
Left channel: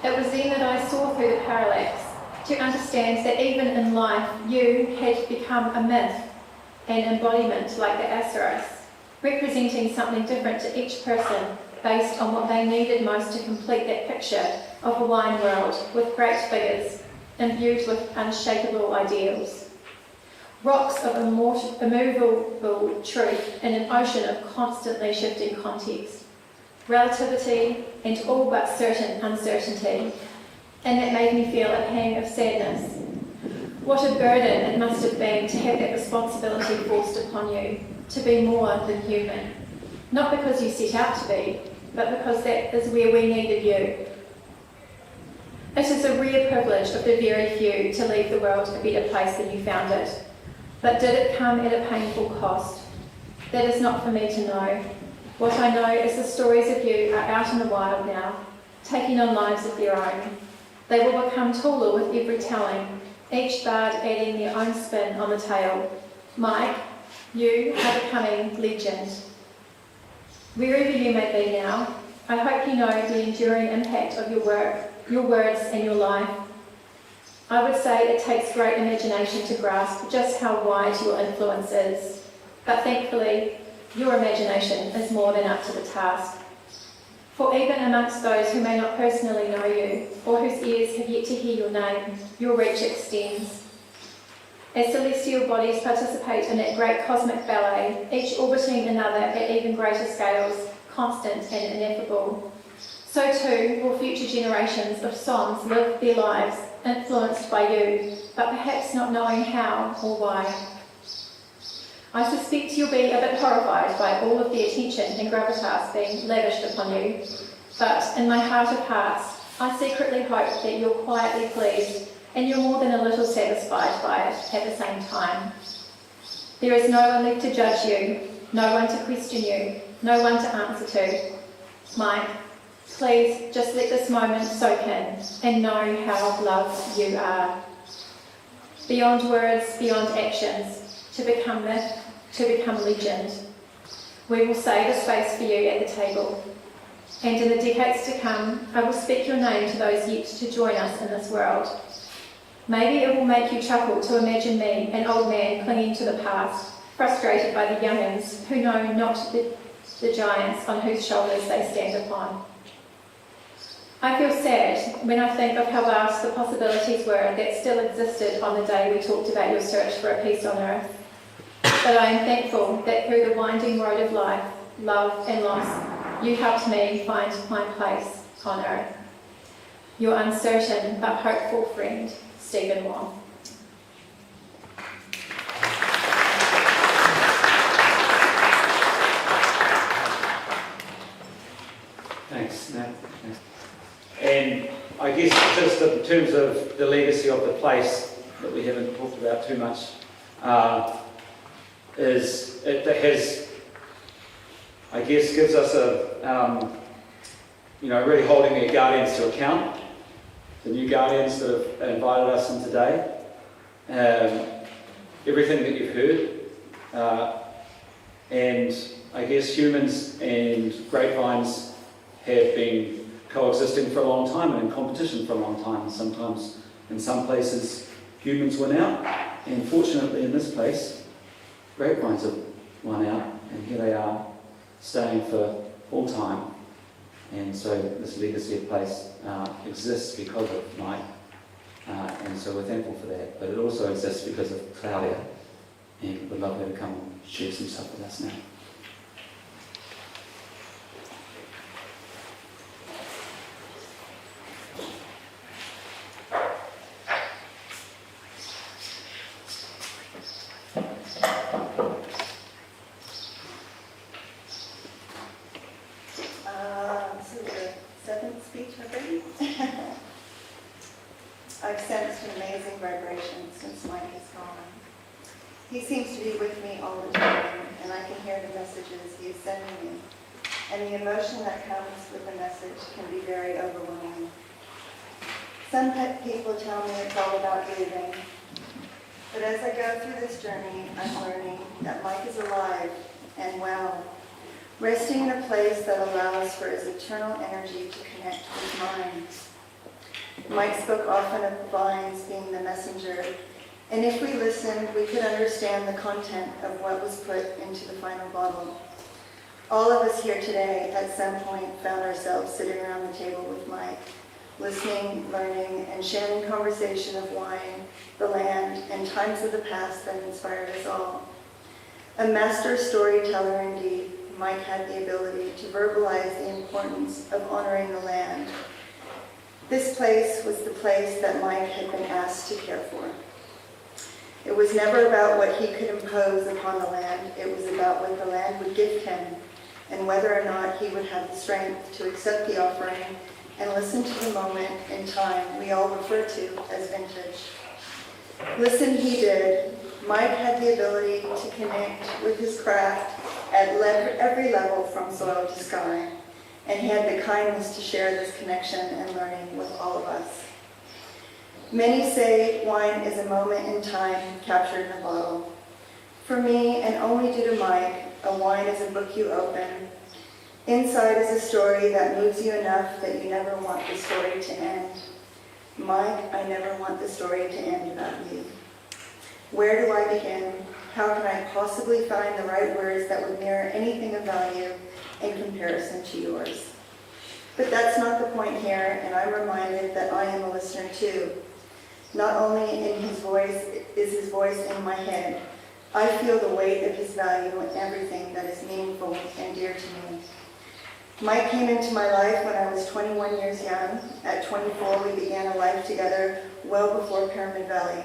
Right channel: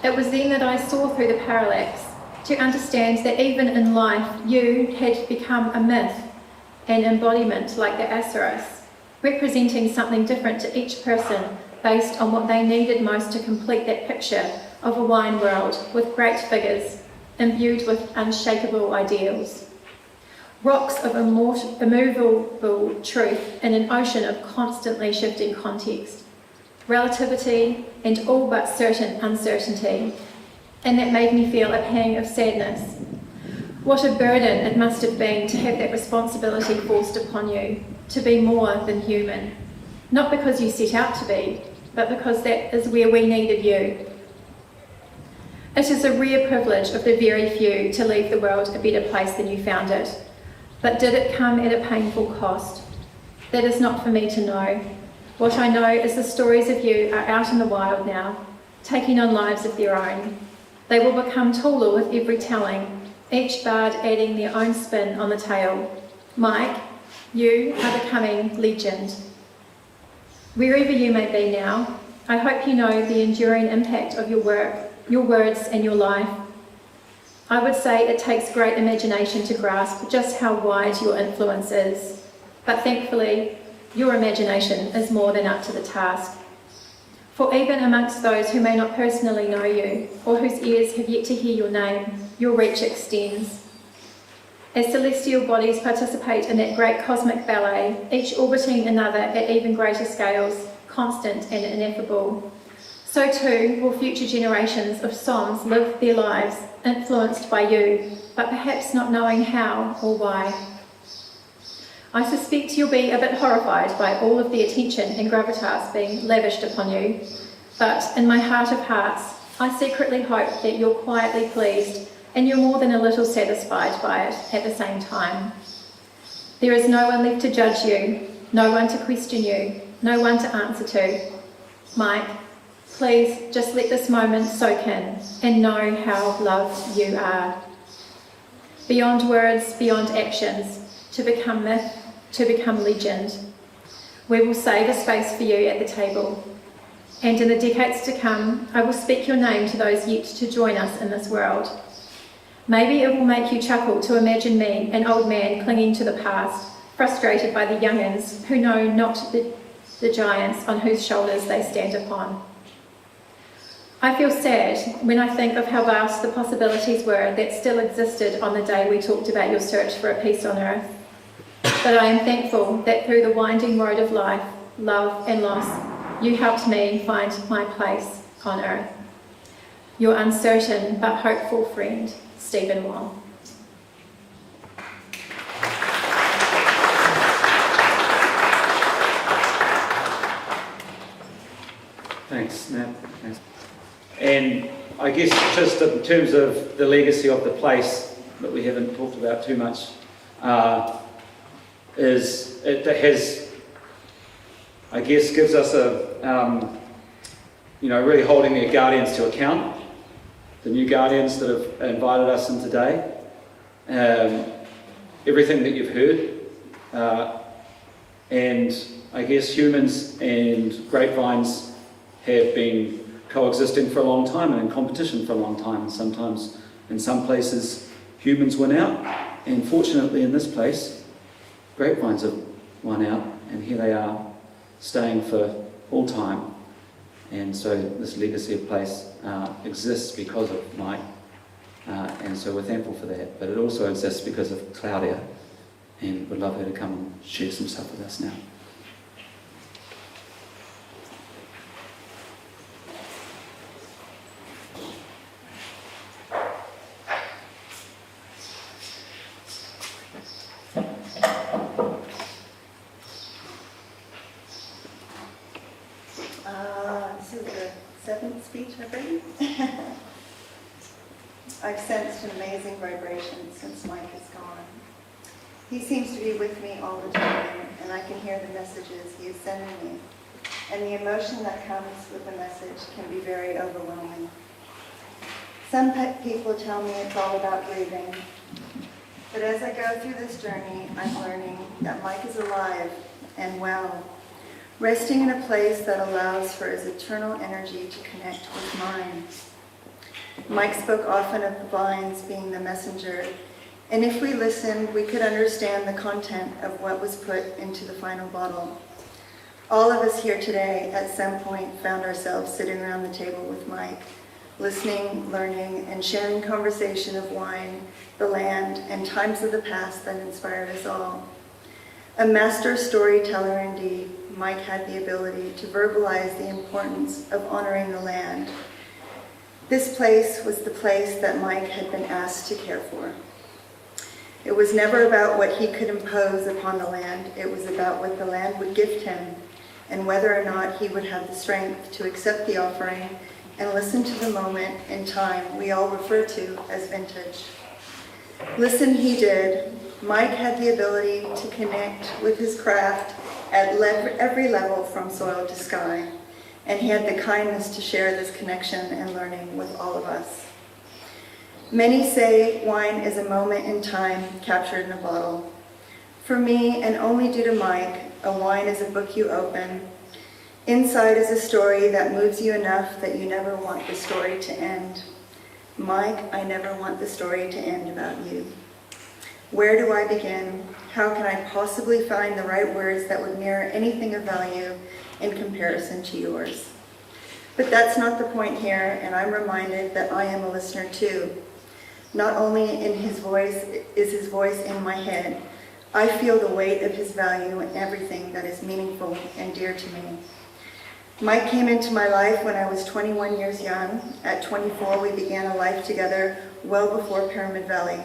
It was then that I saw through the parallax, to understand that even in life you had become a myth, an embodiment like the Osiris, representing something different to each person based on what they needed most to complete that picture of a wine world with great figures imbued with unshakable ideals. Rocks of immovable truth in an ocean of constantly shifting context, relativity and all but certain uncertainty. And that made me feel a pang of sadness. What a burden it must have been to have that responsibility forced upon you, to be more than human. Not because you set out to be, but because that is where we needed you. It is a rare privilege of the very few to leave the world a better place than you found it. But did it come at a painful cost? That is not for me to know. What I know is the stories of you are out in the wild now, taking on lives of their own. They will become taller with every telling, each bard adding their own spin on the tale. Mike, you are becoming legend. Wherever you may be now, I hope you know the enduring impact of your work, your words and your life. I would say it takes great imagination to grasp just how wide your influence is, but thankfully your imagination is more than up to the task. For even amongst those who may not personally know you, or whose ears have yet to hear your name, your reach extends. As celestial bodies participate in that great cosmic ballet, each orbiting another at even greater scales, constant and ineffable, so too will future generations of Soms live their lives influenced by you, but perhaps not knowing how or why. I suspect you'll be a bit horrified by all of the attention and gravitas being lavished upon you, but in my heart of hearts, I secretly hope that you're quietly pleased and you're more than a little satisfied by it at the same time. There is no one left to judge you, no one to question you, no one to answer to. Mike, please just let this moment soak in and know how loved you are. Beyond words, beyond actions, to become myth, to become legend. We will save a space for you at the table. And in the decades to come, I will speak your name to those yet to join us in this world. Maybe it will make you chuckle to imagine me, an old man clinging to the past, frustrated by the young'uns who know not the giants on whose shoulders they stand upon. I feel sad when I think of how vast the possibilities were that still existed on the day we talked about your search for a peace on earth. But I am thankful that through the winding road of life, love and loss, you helped me find my place on earth. Your uncertain but hopeful friend, Stephen Wong. Thanks, Nat. Thanks. And I guess just in terms of the legacy of the place that we haven't talked about too much, is it has, I guess, gives us really holding their guardians to account. The new guardians that have invited us in today. Everything that you've heard. And I guess humans and grapevines have been coexisting for a long time and in competition for a long time. And sometimes, in some places, humans win out. And fortunately, in this place, grapevines have won out. And here they are, staying for all time. And so this legacy of place exists because of Mike. And so we're thankful for that. But it also exists because of Claudia. And we'd love her to come and share some stuff with us now. This is the seventh speech I've written. I've sensed an amazing vibration since Mike is gone. He seems to be with me all the time, and I can hear the messages he is sending me. And the emotion that comes with the message can be very overwhelming. Some people tell me it's all about grieving. But as I go through this journey, I'm learning that Mike is alive and well, resting in a place that allows for his eternal energy to connect with mine. Mike spoke often of the vines being the messenger, and if we listened, we could understand the content of what was put into the final bottle. All of us here today, at some point, found ourselves sitting around the table with Mike, listening, learning, and sharing conversation of wine, the land, and times of the past that inspired us all. A master storyteller indeed, Mike had the ability to verbalize the importance of honoring the land. This place was the place that Mike had been asked to care for. It was never about what he could impose upon the land. It was about what the land would gift him and whether or not he would have the strength to accept the offering and listen to the moment in time we all refer to as vintage. Listen he did. Mike had the ability to connect with his craft at every level from soil to sky, and he had the kindness to share this connection and learning with all of us. Many say wine is a moment in time captured in a bottle. For me, and only due to Mike, a wine is a book you open. Inside is a story that moves you enough that you never want the story to end. Mike, I never want the story to end about you. Where do I begin? How can I possibly find the right words that would mirror anything of value in comparison to yours? But that's not the point here, and I'm reminded that I am a listener too. Not only in his voice is his voice in my head, I feel the weight of his value in everything that is meaningful and dear to me. Mike came into my life when I was 21 years young. At 24, we began a life together well before Pyramid Valley.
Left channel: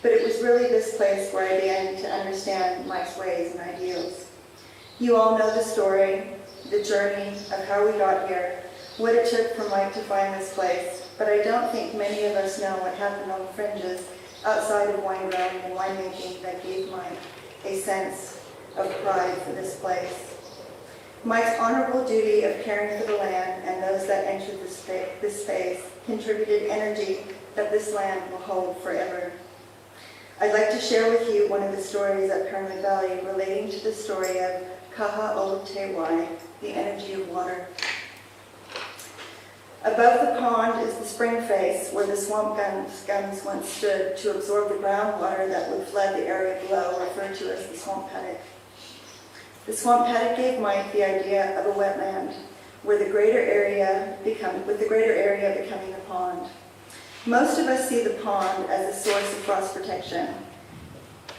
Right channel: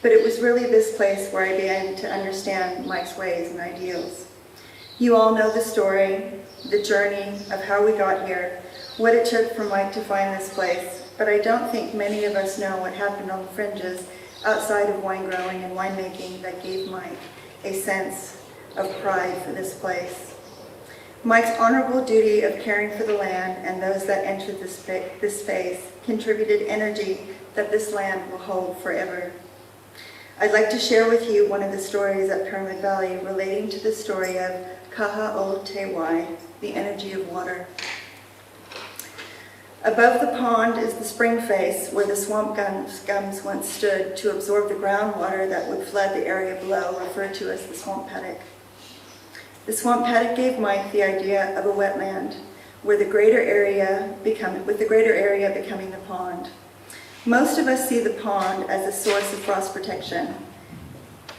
But it was really this place where I began to understand Mike's ways and ideals. You all know the story, the journey of how we got here, what it took for Mike to find this place. But I don't think many of us know what happened on the fringes outside of wine growing and winemaking that gave Mike a sense of pride for this place. Mike's honorable duty of caring for the land and those that entered this space contributed energy that this land will hold forever. I'd like to share with you one of the stories at Pyramid Valley relating to the story of Kaha o Te Wai, the energy of water. Above the pond is the spring face where the swamp gums once stood to absorb the groundwater that would flood the area below, referred to as the swamp paddock. The swamp paddock gave Mike the idea of a wetland, with the greater area becoming the pond. Most of us see the pond as a source of frost protection.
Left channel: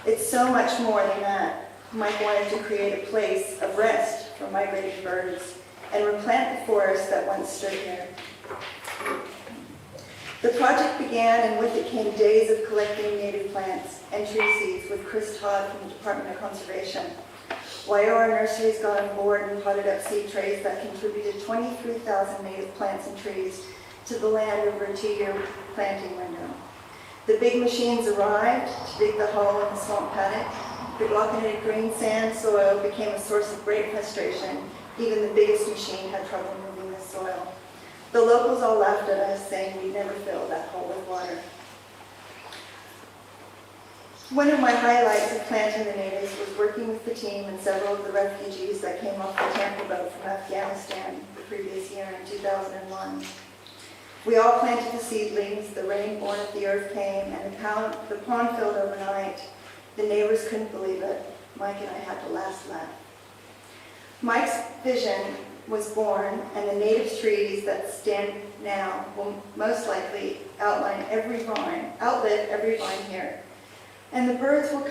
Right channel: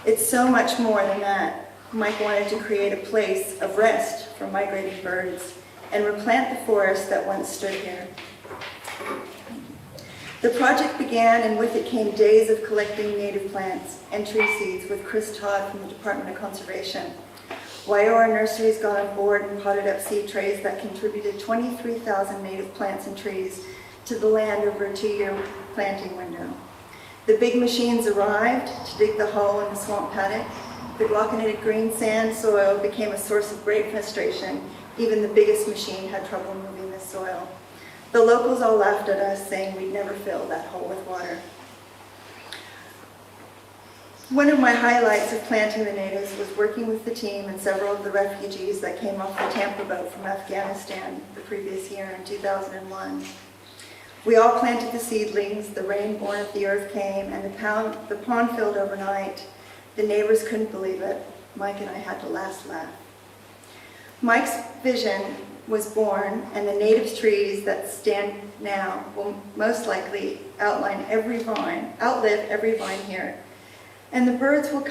It's so much more than that. Mike wanted to create a place of rest for migrating birds and replant the forest that once stood here. The project began, and with it came days of collecting native plants and tree seeds with Chris Todd from the Department of Conservation. Waiora Nurseries got on board and potted up seed trays that contributed 23,000 native plants and trees to the land over a 2-year planting window. The big machines arrived to dig the hole in the swamp paddock. The glockinated green sand soil became a source of great frustration. Even the biggest machine had trouble moving this soil. The locals all laughed at us, saying we'd never fill that hole with water. One of my highlights of planting the natives was working with the team and several of the refugees that came off the Tampa boat from Afghanistan the previous year in 2001. We all planted the seedlings, the rain born of the earth came, and the pond filled overnight. The neighbors couldn't believe it. Mike and I had to last laugh. Mike's vision was born, and the native trees that stand now will most likely outlive every vine here. And the birds will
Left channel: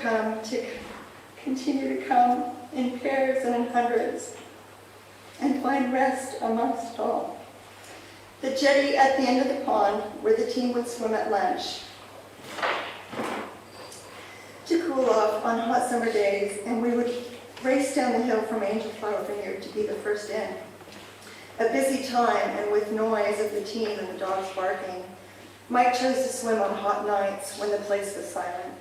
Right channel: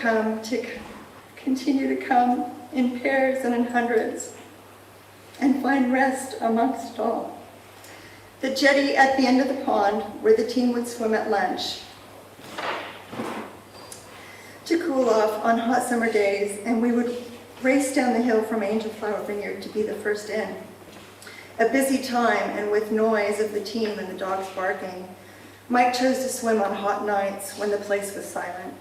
continue to come in pairs and in hundreds and find rest amongst it all. The jetty at the end of the pond, where the team would swim at lunch to cool off on hot summer days, and we would race down the hill from Angel Flower Vineyard to be the first in. A busy time, and with noise of the team and the dogs barking. Mike chose to swim on hot nights when the place was silent.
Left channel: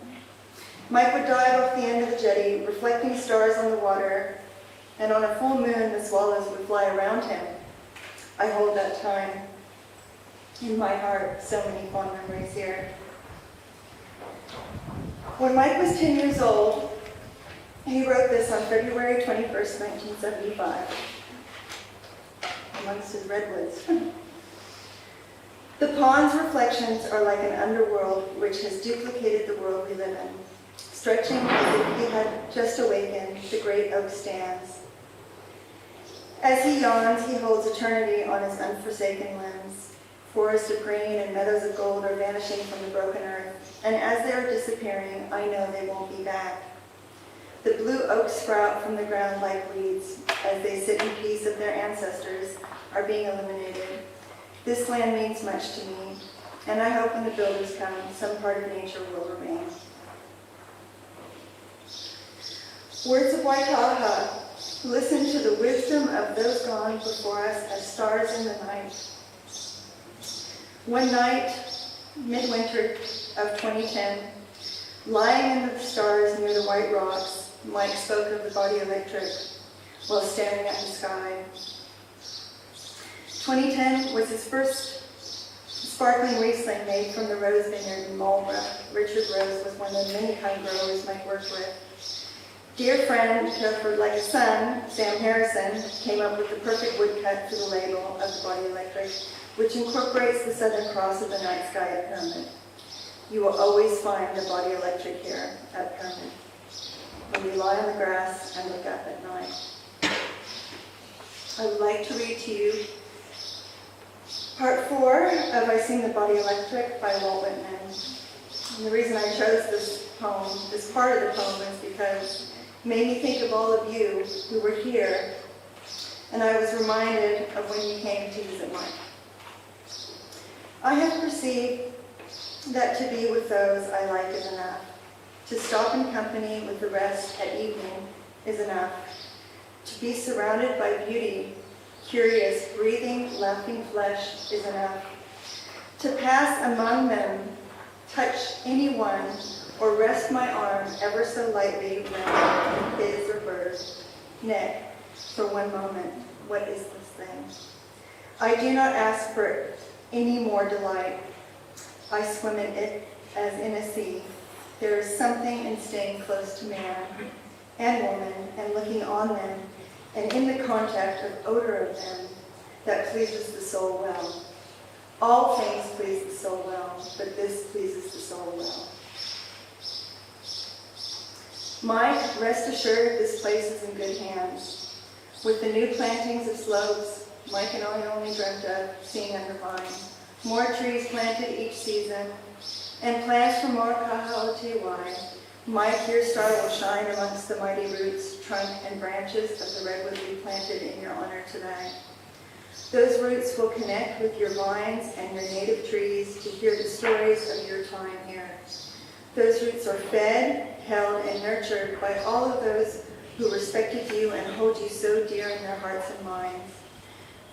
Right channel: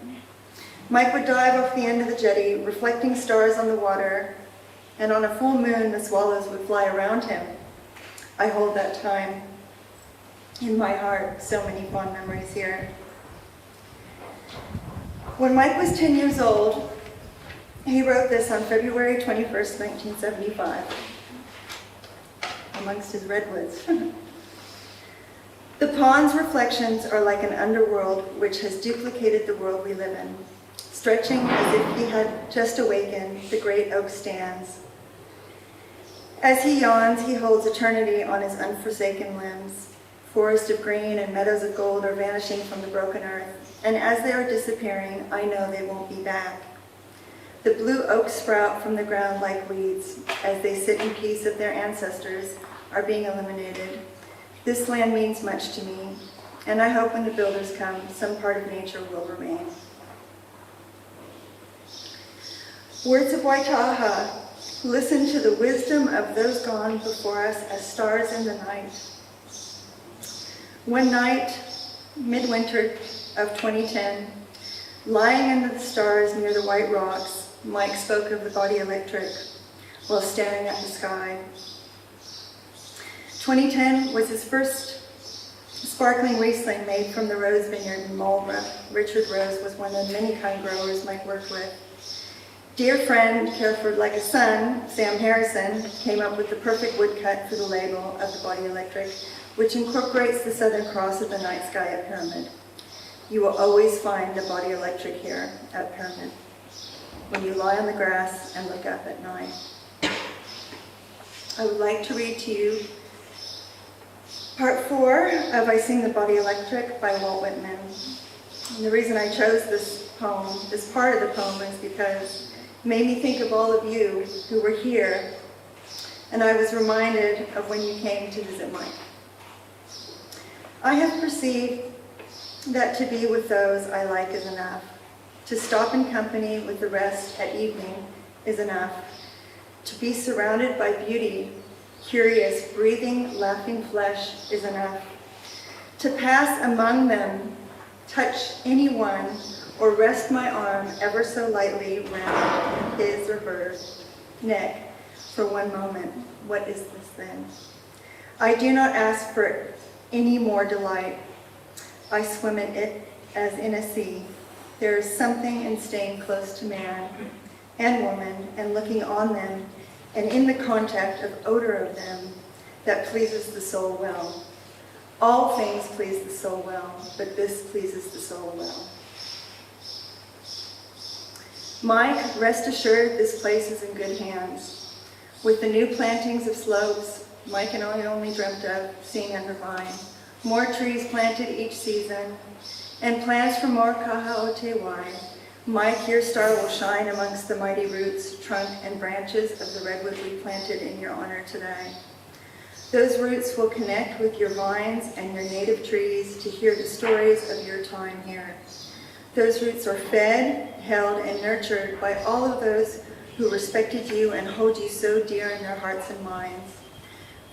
Mike would dive off the end of the jetty, reflecting stars on the water, and on a full moon, the swallows would fly around him. I hold that time in my heart, so many fond memories here. When Mike was 10 years old, he wrote this on February 21st, 1975, amongst his redwoods. The pond's reflections are like an underworld which has duplicated the world we live in. Stretching as if he had just awakened, the great oak stands. As he yawns, he holds eternity on his unforsaken limbs. Forests of green and meadows of gold are vanishing from the broken earth, and as they are disappearing, I know they won't be back. The blue oaks sprout from the ground like weeds, as they sit in peace of their ancestors are being eliminated. This land means much to me, and I hope when the builders come, some part of nature will remain. Words of Waitaha, listen to the wisdom of those gone before us as stars in the night. One night, midwinter of 2010, lying under the stars near the White Rocks, Mike spoke of the body electric while staring at the sky. 2010 was his first sparkling Riesling made from the Rose Vineyard in Marlborough. Richard Rose was one of the many kind growers Mike worked with. Dear friend, cared for like a son, Sam Harrison, came up with the perfect woodcut for the label of the body electric, which incorporates the Southern Cross of the night sky at Pyramid. You will always find the body electric here at Pyramid, when you lie on the grass and look up at night. I would like to read to you part 4 of I Sing the Body Electric by Walt Whitman. And the reason I chose this poem, this part of the poem, is because it made me think of all of you who were here, and I was reminded of when you came to visit Mike. I have perceived that to be with those I like is enough. To stop in company with the rest at evening is enough. To be surrounded by beauty, curious, breathing, laughing flesh is enough. To pass among them, touch anyone, or rest my arm ever so lightly round his or her neck for one moment. What is this thing? I do not ask for any more delight. I swim in it as in a sea. There is something in staying close to man and woman and looking on them and in the contact of odor of them that pleases the soul well. All things please the soul well, but this pleases the soul well. Mike, rest assured this place is in good hands. With the new plantings of slopes, Mike and I only dreamt of seeing under mine, more trees planted each season, and plans for more Kahaotewai, Mike, your star will shine amongst the mighty roots, trunk, and branches of the redwood we planted in your honor today. Those roots will connect with your vines and your native trees to hear the stories of your time here. Those roots are fed, held, and nurtured by all of those who respected you and hold you so dear in their hearts and minds.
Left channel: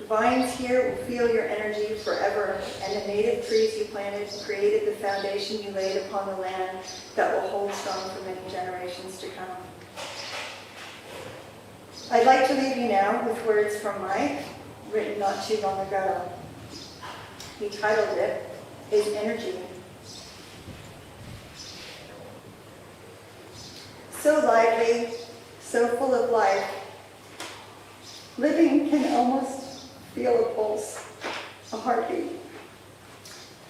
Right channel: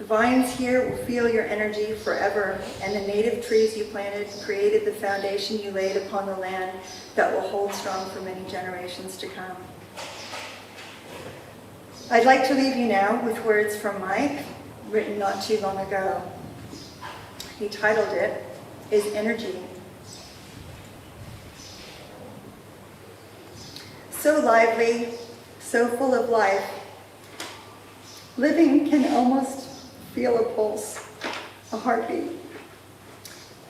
The vines here will feel your energy forever, and the native trees you planted created the foundation you laid upon the land that will hold strong for many generations to come. I'd like to leave you now with words from Mike, written not too long ago. He titled it, Is Energy. So lively, so full of life. Living can almost feel a pulse, a heartbeat.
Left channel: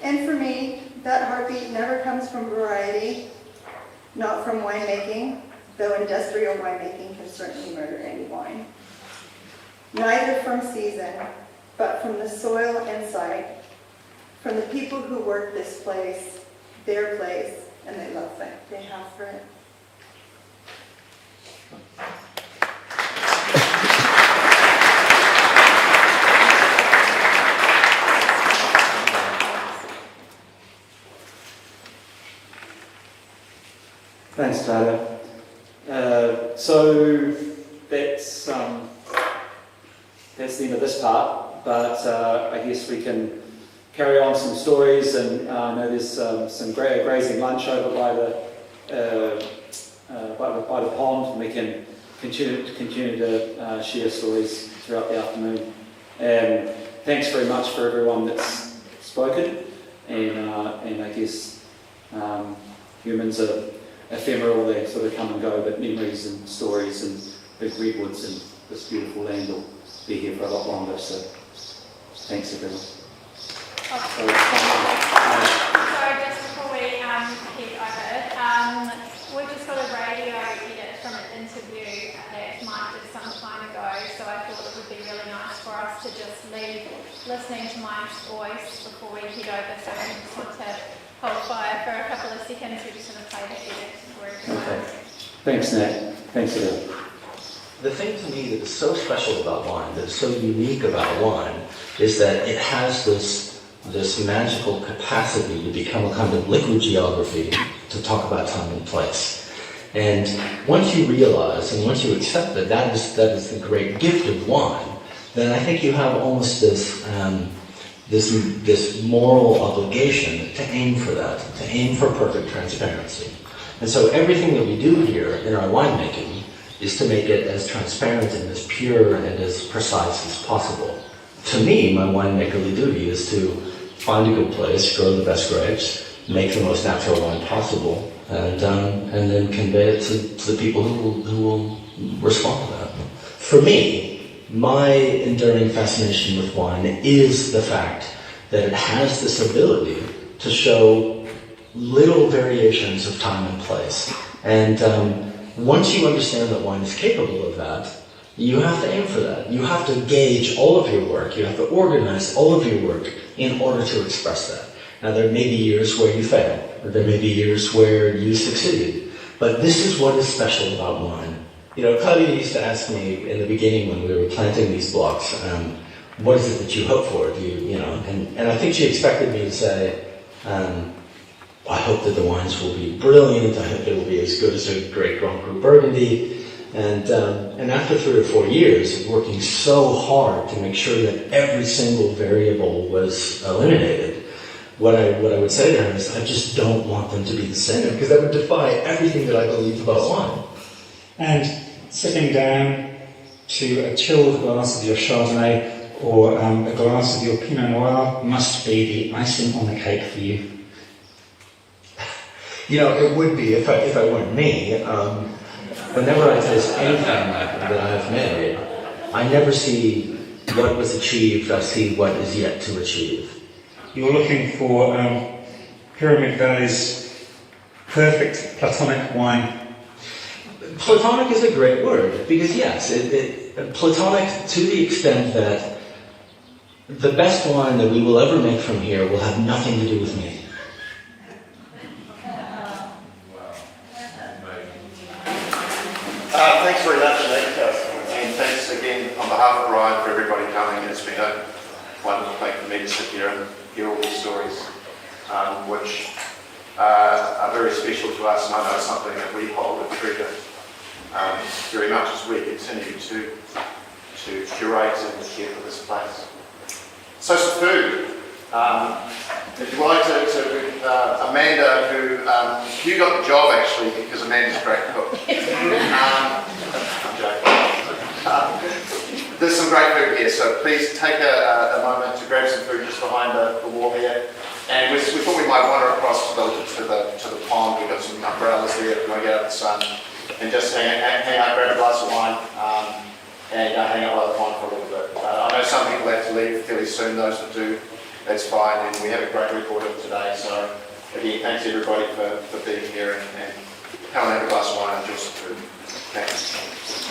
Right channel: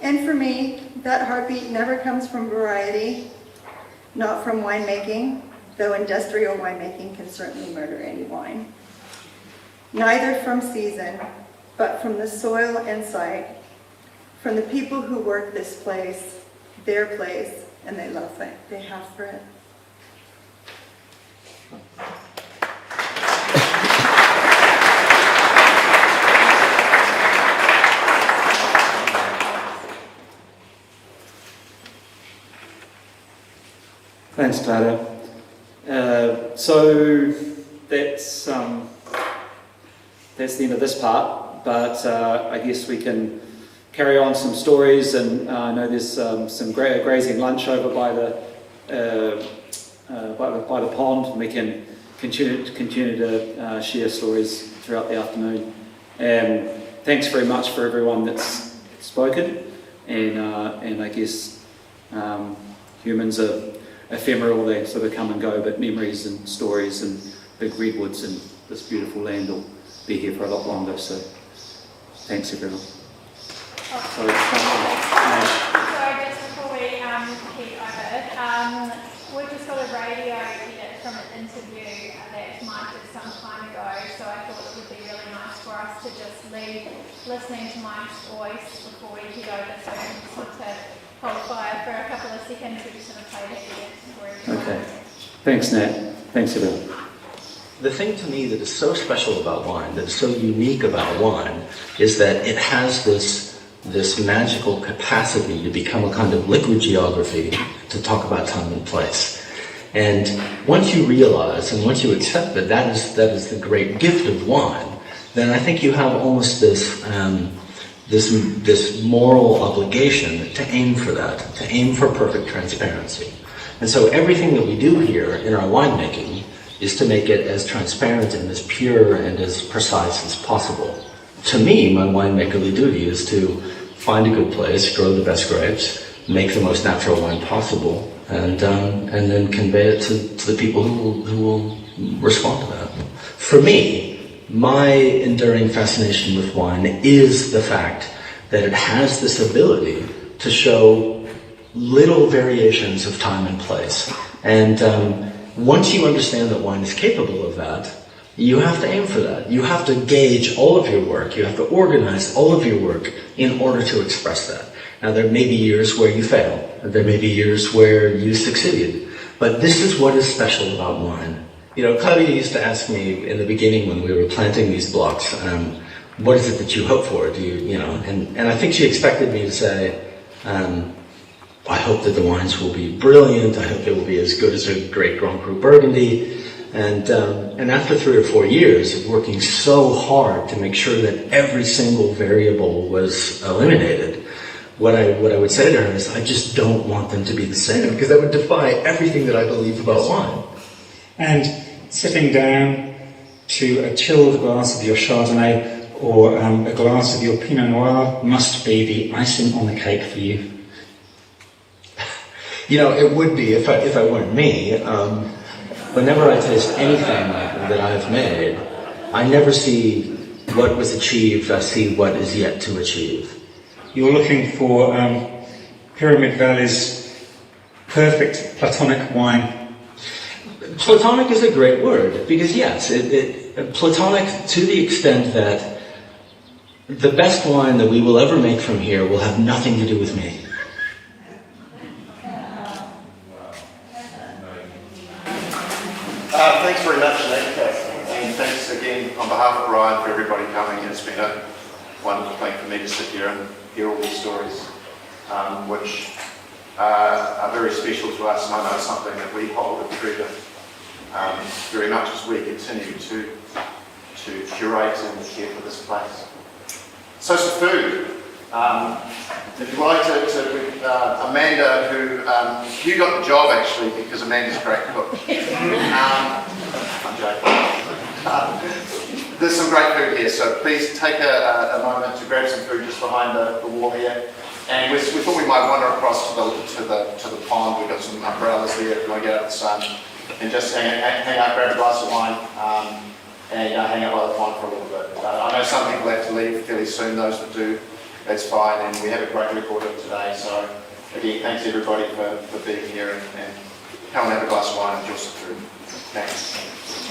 And for me, that heartbeat never comes from variety, not from winemaking, though industrial winemaking can certainly murder any wine. Neither from season, but from the soil and site, from the people who work this place, their place, and they love it, they have for it. Thanks, Clara. So that's the end of this part, but I guess we can carry on some stories, and I know there's some grazing lunch over by the pond, and we can continue to share stories throughout the afternoon. Thanks very much for everyone that's spoken, and I guess humans are ephemeral, they sort of come and go, but memories and stories and big redwoods and this beautiful land will be here for a lot longer, so thanks everyone. So just before we head over, we've just got a radio edit from an interview that Mike did some time ago, so I thought it would be really nice for us to just leave listening to Mike's voice before we head over, so we just want to hold fire for a couple of seconds. We just want to play the edit for everyone. Okay. Thanks, Nat. Thanks everyone. The thing to me that is so special about wine, that is so unique about wine, is that it has this magical capacity to become a kind of liquid geography to talk about time and place. And once you realize and once you accept that that is the great gift of wine, then I think you have almost this moral obligation to aim for that, to aim for perfect transparency. And so everything that we do here in our winemaking is to make it as transparent and as pure and as precise as possible. To me, my winemakerly duty is to find a good place, grow the best grapes, make the most natural wine possible, and then convey it to the people who will respond to that. For me, my enduring fascination with wine is the fact that it has this ability to show little variations of time and place. And once you understand that wine is capable of that, you have to aim for that. You have to gauge all of your work. You have to organize all of your work in order to express that. Now, there may be years where you fail. There may be years where you succeed. But this is what is special about wine. You know, Claudia used to ask me in the beginning when we were planting these blocks, what is it that you hope for? And I think she expected me to say, I hope that the wines will be brilliant. I hope they will be as good as a great Grand Cru Burgundy. And after 3 or 4 years of working so hard to make sure that every single variable was eliminated, what I would say to her is, I just don't want them to be the same, because that would defy everything that I believe about wine. And sitting down to a chilled glass of your Chardonnay or a glass of your Pinot Noir must be the icing on the cake for you. You know, it would be if I weren't me. Whenever I taste anything that I've made, I never see what was achieved, I see what is yet to achieve. You're looking for Pyramid Valley's perfect Platonic wine. Platonic is a great word, because yes, Platonic to the extent that the best wine that we will ever make from here will have nothing to do with me. Thanks very much, Nick, and thanks again on behalf of Ryan for everybody coming. It's been a wonderful thing for me to sit here and hear all these stories, which are very special to us, and I know something that we hold and treasure very much as we continue to curate and care for this place. So some food. If you'd like to Amanda, who you got the job actually because Amanda's a great cook. I'm joking. there's some great food here, so please take a moment to grab some food just behind the wall here. And we thought we might wander across to the pond. We've got some umbrellas there if you want to get out the sun, and just hang out, grab a glass of wine, and hang out by the pond for a little bit. I know some people have to leave fairly soon. Those that do, that's fine. And we have a great record of today. So again, thanks everybody for being here, and come and have a glass of wine and enjoy some food. Thanks.